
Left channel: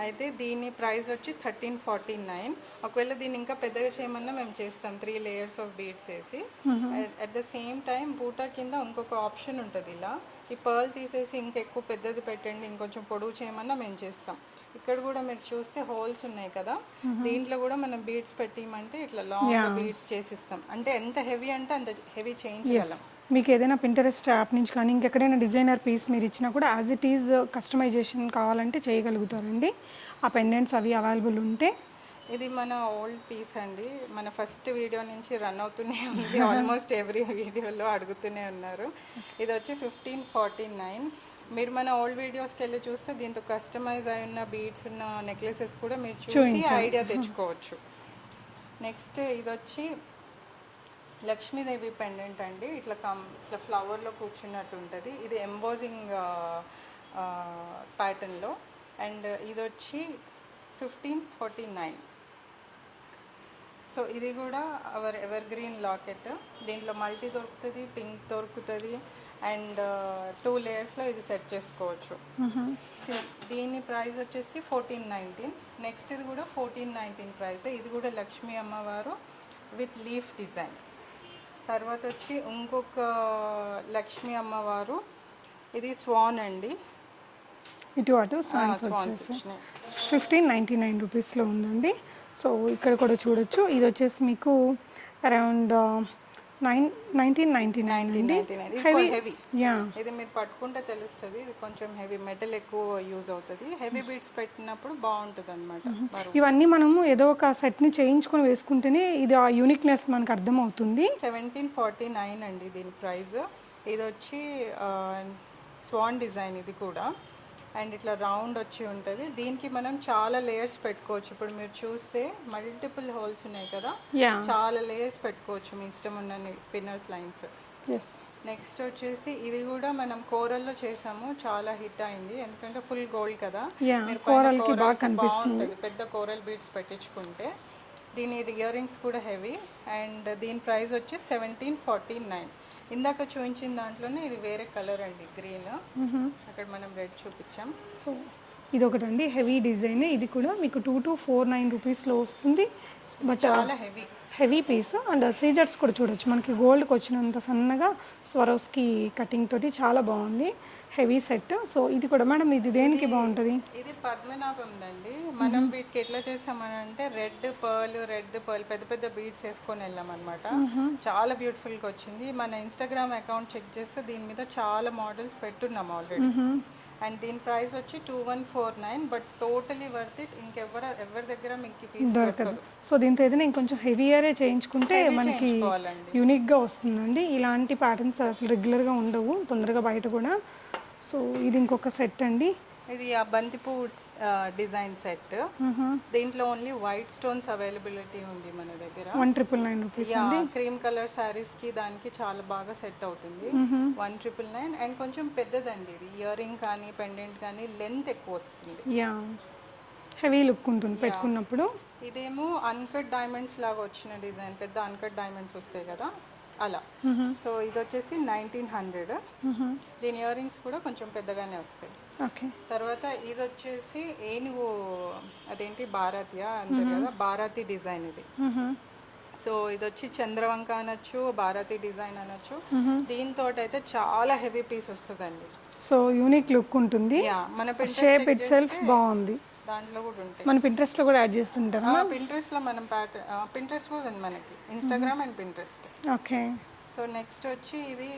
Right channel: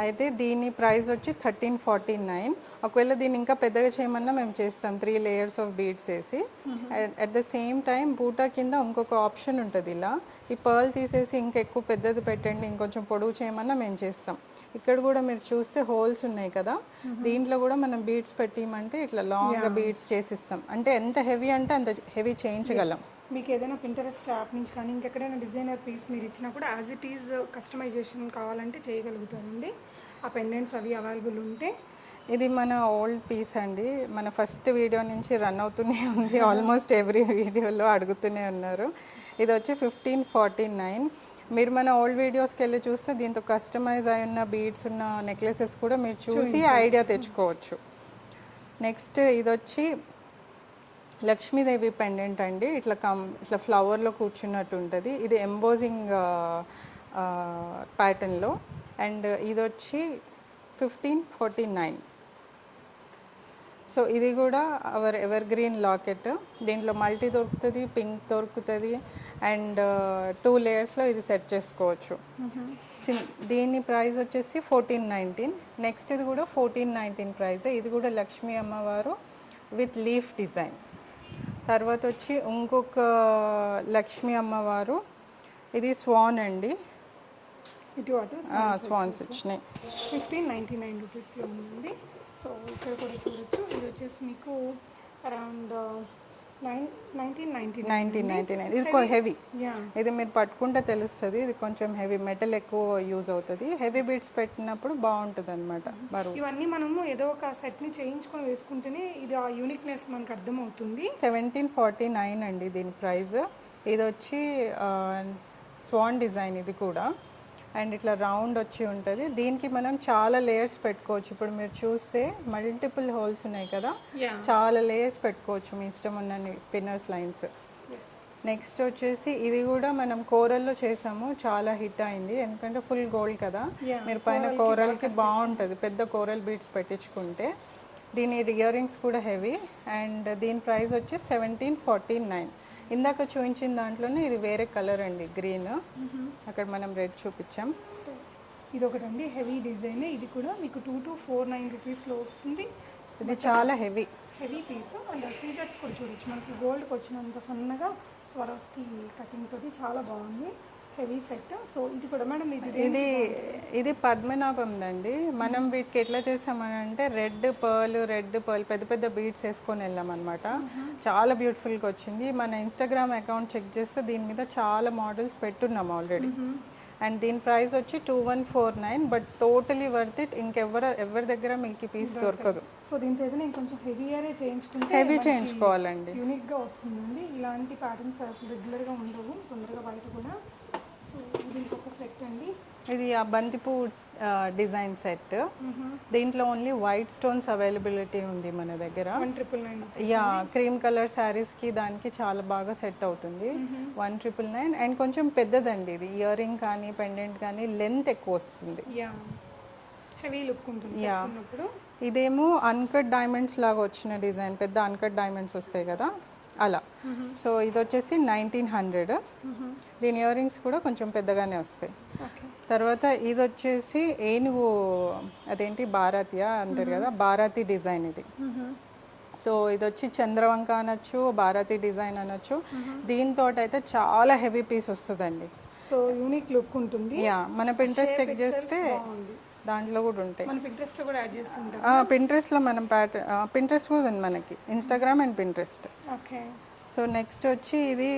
అయితే దీని ప్రైస్ వచ్చి 1349. ఒకవేళ దీన్ని ఇంకా పెద్దగా చేయమన్నా మేము చేస్తాం, 3 లేయర్స్ ఆఫ్ బీడ్స్ వేసి. అట్ ద సేమ్ టైం బూటా కింద ఇంకొక ఆప్షన్ ఉంటుంది, ఇలా ఈ పర్ల్ తీసేసి ఇంకా ఎక్కువ పెద్దది పెట్టండి, ఇంకొంచెం పొడవు చేయమన్నా మేము చేస్తాం. ఇక్కడ కూడా మీరు చూస్తే హోల్స్ ఉన్నాయి కదా, దీంట్లో కూడా మనం బీడ్స్ పెట్టిమంటే ఇట్లా లాంగ్ బీడ్స్ చేసిస్తాం. అంటే ఎంత హెవీ అంటే అంత హెవీ చేయించగలం. మీకు ఏదైనా పింటరెస్ట్ యాప్ నుంచి కానీ ఇంకెక్కడైనా డిజైనర్ పీస్ మీరు ఇచ్చినా కూడా యాజ్ ఇట్ ఈజ్ కస్టమైజేషన్ కావాలంటే చేయగలుగుతారండి. ఆ పెండెంట్స్ అవి అవైలబుల్ ఉంటే. ఇది మన ఓల్డ్ పీస్ అండి, మన ఫస్ట్ వీడియో నుంచి రన్ అవుతూనే ఉంది, ఆల్మోస్ట్ ఎవ్రీ వీడియోలో అడుగుతూనే ఉన్నారు. ఇది వచ్చి 1549. మీరు మన ఓల్డ్ వీడియోస్కి వెళ్ళి చూస్తే దీంతో కస్టమైజ్ అయి ఉన్న బీడ్స్ ఉన్న నెక్లెసెస్ కూడా మీరు చూసి ఐడియా తెచ్చుకోవచ్చు. నెక్స్ట్ ఇది వచ్చి లక్ష్మీదేవి పెండెంట్ అండి, ఇట్లా ఇట్లా ఫ్లవర్లో కూర్చున్నట్టు ఉంటుంది. ఇది ఎంబోజింగ్ ప్యాటర్న్లో. అండ్ ఇది వచ్చి 1549. సో ఇది కూడా ఎవర్ గ్రీన్ లాకెట్. దీంట్లో మల్టీ దొరుకుతుంది, పింక్ దొరుకుతుంది, అండ్ 2 లేయర్స్లో ఇది సెట్ చేసుకోవచ్చు. దీని ప్రైస్ వచ్చేసి 1419. నెక్స్ట్ ఇది కూడా 1419 ప్రైస్. ఇది కూడా లక్ష్మీ అమ్మవారు విత్ లీఫ్ డిజైన్. తర్వాత వచ్చి ఇంకొక లక్ష్మీ అమ్మవారు, ఇది స్వాన్ అండి, ఇటు అటు స్వాన్స్ వచ్చినాయి. 1599 రూపీస్లో ఉందండి. సో ఇక్కడ కూడా చూడొచ్చు. ఇది వచ్చేసి మీకు అరౌండ్ 1999. ఇది హెవీ, యా, ఇది మీరు పట్టుకుంటే తెలుస్తుంది. ఇది కొంచెం హెవీ, మెటల్ ఎక్కువ యూజ్ అవుతుంది. హెవీ బీడ్స్ పెట్టినప్పుడు బాగుంటుంది అనమాట. ఇవన్నీ మనము ఏదో ఒక సెట్ని చేయించుకొని వేసుకుంటేనే ఇది ఆ యూనిక్నెస్ మనకు అర్థమవుతుంది. 1749 అండి దీని ప్రైస్. ఇది వచ్చి స్వాన్ డిజైన్, ఇది కూడా. అండ్ ఇట్లా రౌండ్ వచ్చి ఉంటుంది. దీనికి మనం చాలా లేయర్స్ పెట్టుకోవచ్చు. ఇప్పుడు మీరు చూస్తే మల్టిపుల్ హోల్స్ ఉన్నాయి కదా, చాలా లేయర్స్ పెట్టుకోవచ్చు మీ ఇష్టం ఉన్న స్పిన్నర్స్ లైన్స్. నెక్స్ట్ వచ్చేసి ఇది కూడా మనం కోరల్లో చేసాము, చాలా హిట్ అయింది, ఎందుకంటే ఫుల్ గోల్డ్ కదా. మీరు పైన కోరల్కి బాగుంటుంది, పెద్ద కోరల్ బీడ్స్ పెట్టించుకుంటే. దీని ఇయర్ రింగ్స్ కూడా హెవీ. అండ్ దీని ప్రైస్ వచ్చి 1749. ఇందాక చూపించిన దాంట్లోనే ఇది వేరే కలర్ అండి, గ్రీన్. అక్కడ మనం రెడ్ చూపించాం. సో ఇది ఒకటి అండి, హెవీ డిజైన్. ఇది కూడా మీకు 2249 రూపీస్లో వస్తుంది. ఇది చాలా హెవీ పీస్. అండ్ సీజర్స్ కూడా చూడొచ్చు, మనకి గోల్డ్కి వచ్చినంత సన్నగా స్వరోస్కి కటింగ్ తోటి చాలా బాగుంది, హెవీ సెట్. సో ఇది కూడా మేడం, ఇది దేనికి బాగుంటుంది? ఇది పద్మనాభం అండి. మనం వీటికి ఎట్లా చేసామని అంటే రెడ్ పర్ల్ పెద్ద పెద్ద బీడ్స్ వేసుకొని వెళ్ళాం అనమాట. చాలా బ్యూటిఫుల్గా వచ్చింది. మన ఇన్స్టాగ్రామ్ అకౌంట్ చెక్ చేస్తే దీని మీద చాలా మోడల్స్ పెట్టున్నాం ఆల్రెడీ. అండ్ దీని ప్రైస్ వచ్చి 2149. But totally worth it. ఎవరి దగ్గర మీకు పీస్ దొరకదు. సో దీంతో ఏదైనా ఇంకొంచెం హెవీయరే చేయించుకుంటే చేయించుకోవాలండి, యూనిక్గా వస్తుందండి. ఇలాంటి ప్యాటర్న్స్ అసలు రెగ్యులర్గా ఉండవు తొందరగా బయట కూడా. సో ఇది ఇంకొక సెట్ అండి, ఇది ఆ బంతిపూ డిజైన్ సెట్. దీంట్లో ఓన్లీ వైట్ స్టోన్స్ అవైలబిలిటీ ఉంది మన దగ్గర. 1999. క్రీమ్ కలర్ శారీస్ కి దానికి చాలా బాగా సెట్ అవుతుంది. 1999. అండ్ కొంచెం పెద్దదండి ఇది, ఇయర్ రింగ్ కానీ పెండెంట్ కానీ లెంత్ ఎక్కువ వస్తుంది, హెవీ లుక్ ఉంటుంది పెట్టుకున్నప్పుడు. ఇదేమో అన్కట్ డైమండ్స్ లాగా వచ్చిన డిజైన్, పెద్ద అన్కట్ డైమండ్స్ వస్తాయి కదా అలా. సో ఇది వచ్చేసి 1900. దీని ఇయర్ రింగ్స్ కూడా కొంచెం పెద్దగానే వస్తాయి. తర్వాత ఇది వచ్చేసి ఏనుగు, అదేంటి బారాతియా అంటారు కదా, బారాతి డిజైన్ ఇది. సో ఇది వచ్చి చంద్రవంక అనొచ్చు, బారాతి డిజైన్ అనొచ్చు. దీంతో అయితే చాలా హెవీ పీస్ వస్తుందండి. సో యూనిక్ లుక్ ఉంటుంది. మన పింట్రెస్ట్ బాగుంది, దాంట్లో కూడా ఉంటాయి. మన పింట్రెస్ట్ లో కూడా యాడ్ చేస్తుంటాం. పింట్రెస్ట్ లో మనం పింట్రెస్ట్ కూడా ఉంది మనకి, Instagram and Pinterest. Okay. So next వచ్చి ఇది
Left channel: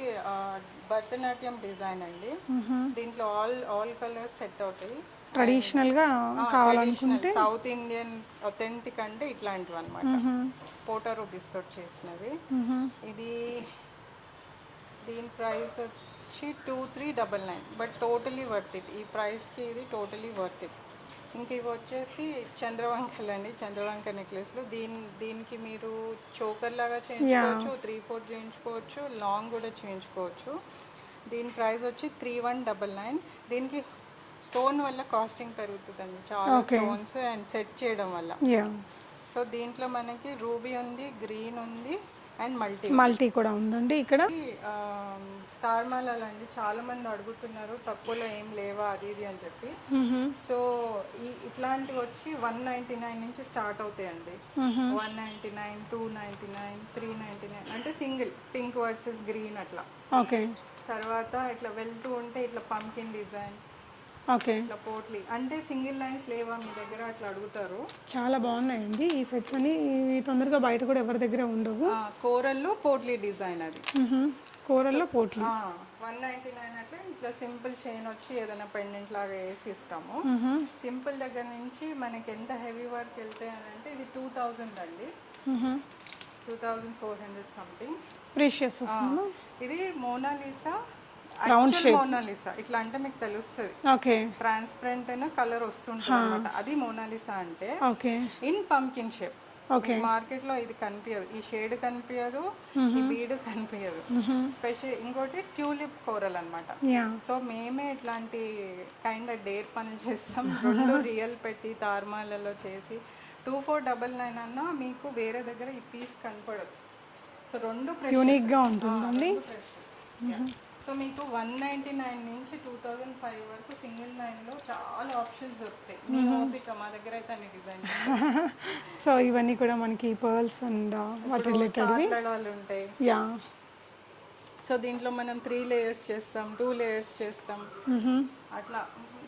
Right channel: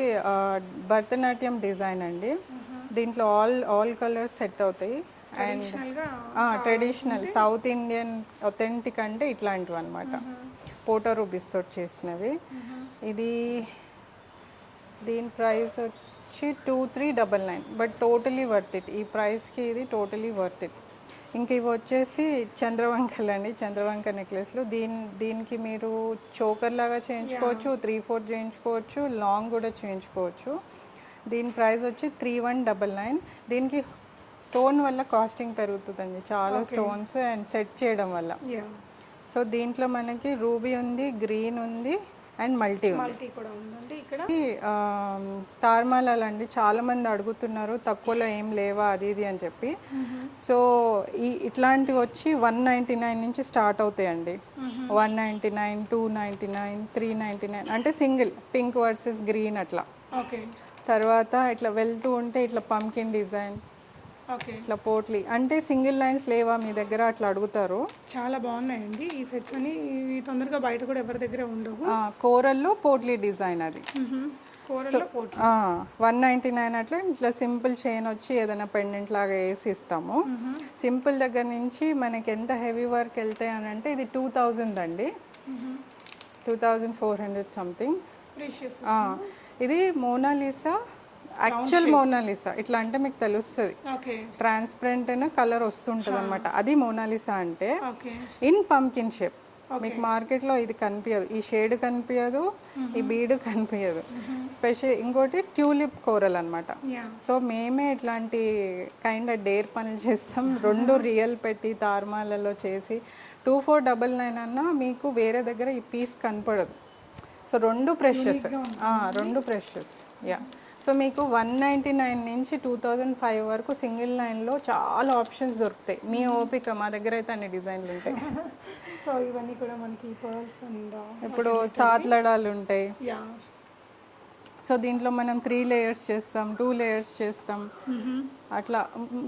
భరతనాట్యం డిజైన్ అండి. దీంట్లో ఆల్ కలర్స్ సెట్ అవుతాయి. ట్రెడిషనల్ సౌత్ ఇండియన్ ఒథెంటిక్ అంటే ఇట్లాంటివి అనమాట, పోటో రూబీస్ తోటి చేసినవి. ఇది దీని ప్రైస్ వచ్చి 2399. But totally worth it. ఈ ప్రైస్కి ఇది టోటలీ వర్త్ ఇట్. ఇంక ఇవి వచ్చేసి చంద్రవంకలు అండి, చంద్రవంక నెక్లెస్లు. దీనికి మీరు చోకర్ లాగా చేయించుకోవచ్చు, 3/4 చేయించుకోవచ్చు, లాంగ్ కూడా చేయించుకోవచ్చు. దీని ప్రైస్ వచ్చి 3199. దీనికి స్టోన్ వల్ల కాస్టింగ్ పెరుగుతుందండి, చాలా స్టోన్స్ అండ్ సెట్ చేయడం వల్ల. సో దీంట్లో మనకి రూబీ ఉంది, గ్రీన్ ఉంది, అండ్ మల్టీ మల్టీ కూడా ఉందండి ఇక్కడ. తార్మాలాలు అండి చాలా మంది అడుగుతున్నారు తక్కువలో ఏం లేవా అది ఇది అని చెప్పి. సో ఇట్లాంటివి వచ్చి 199 నుంచి స్టార్ట్ అవుతాయండి. 199, 299, 399 అంటే సింగిల్ పింక్ వర్సెస్ గ్రీన్ అట్లా. ఓకే. తర్వాత ఇట్లా వెళ్తూ ఉంటే ఇట్లా పంకిన్ డిజైన్, ఓకే, ఇట్లా పోట్లీ అంటే సింగిల్ లైన్స్ లేవా మీ దగ్గర అట్లా అడుగుతారు. చాలా బాగున్నాయండి ఈ సెట్స్ అని. ఇవి తొందరగా బయట కూడా ఎవరి దగ్గర ఉండవు. కోరల్లో పోట్లీ డిజైన్ అది. కూరల్లో పోటీ 199 అట్లా ఇట్లా సింపుల్ చైన్ వచ్చి ఏదైనా పెండెంట్ లాగా వేసి ఇస్తాము. సింపుల్ దగ్గర నుంచి మనకి ఎంత హెవీ వర్క్ వెళ్తాయి అని అంటే ఇది 2000 అండి, 2400 సంథింగ్. ప్రీషియస్. ఇది మోనాలిసా, యాక్చువల్ మోనాలిసా ఇట్లా అంటే మీకు తెలుస్తుంది. ఓకే. ట్రాన్స్పరెంట్ కలర్ వస్తుంటుంది అనమాట, అది మోనాలిసా అంటే. ఓకే. In pumpkin shape. మీకు మార్కెట్ లో ఇది కనిపించదు, ఈ షేడ్ కనిపించదు, ఈ బీడ్ కనిపించదు. స్పెషల్ ఇంకోటి ట్యూలిప్ కోరల్ అనమాట. సో మేమే ఇట్లాంటి కైండ్ ఆఫ్ డేర్ పనులు చేస్తాం. 2 రియల్ పెట్టి తార్మాలలో చేసి 2499 అన్నా మీకు వేరే దగ్గర ఈ పీస్ కనపడదు. So 2 pressures, 2 pressures. Yeah. So మీకు 199 నుంచి 2005 వరకు సింగిల్ లైన్లో చాలా ఆప్షన్స్ దొరుకుతాయి. మీ ఓపిక, మా దగ్గర అయితే అన్ని డిజైన్లు ఉంటాయి. సో ఇవన్నీ కూడా మనకి పర్ల్స్ అండ్ ఇప్పుడు సాత్లడాలు ఉంటాయి. యా. సో దీంట్లో మనం 3 లేయర్స్ చేస్తాం, 2 లేయర్స్ చేస్తాం. అట్లా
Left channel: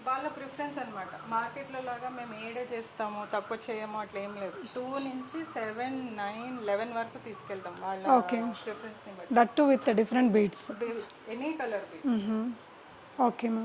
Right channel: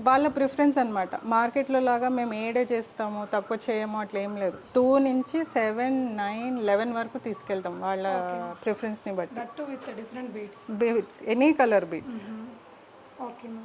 వాళ్ళ ప్రిఫరెన్స్ అనమాట. మార్కెట్లో లాగా మేము ఏడే చేస్తాము తక్కువ చేయము అట్లా ఏం లేదు. 2 నుంచి 7, 9, 11 వరకు తీసుకెళ్తాం వాళ్ళ ప్రిఫరెన్స్ని బట్టి. That to with different beads, any colour beads. Okay ma'am.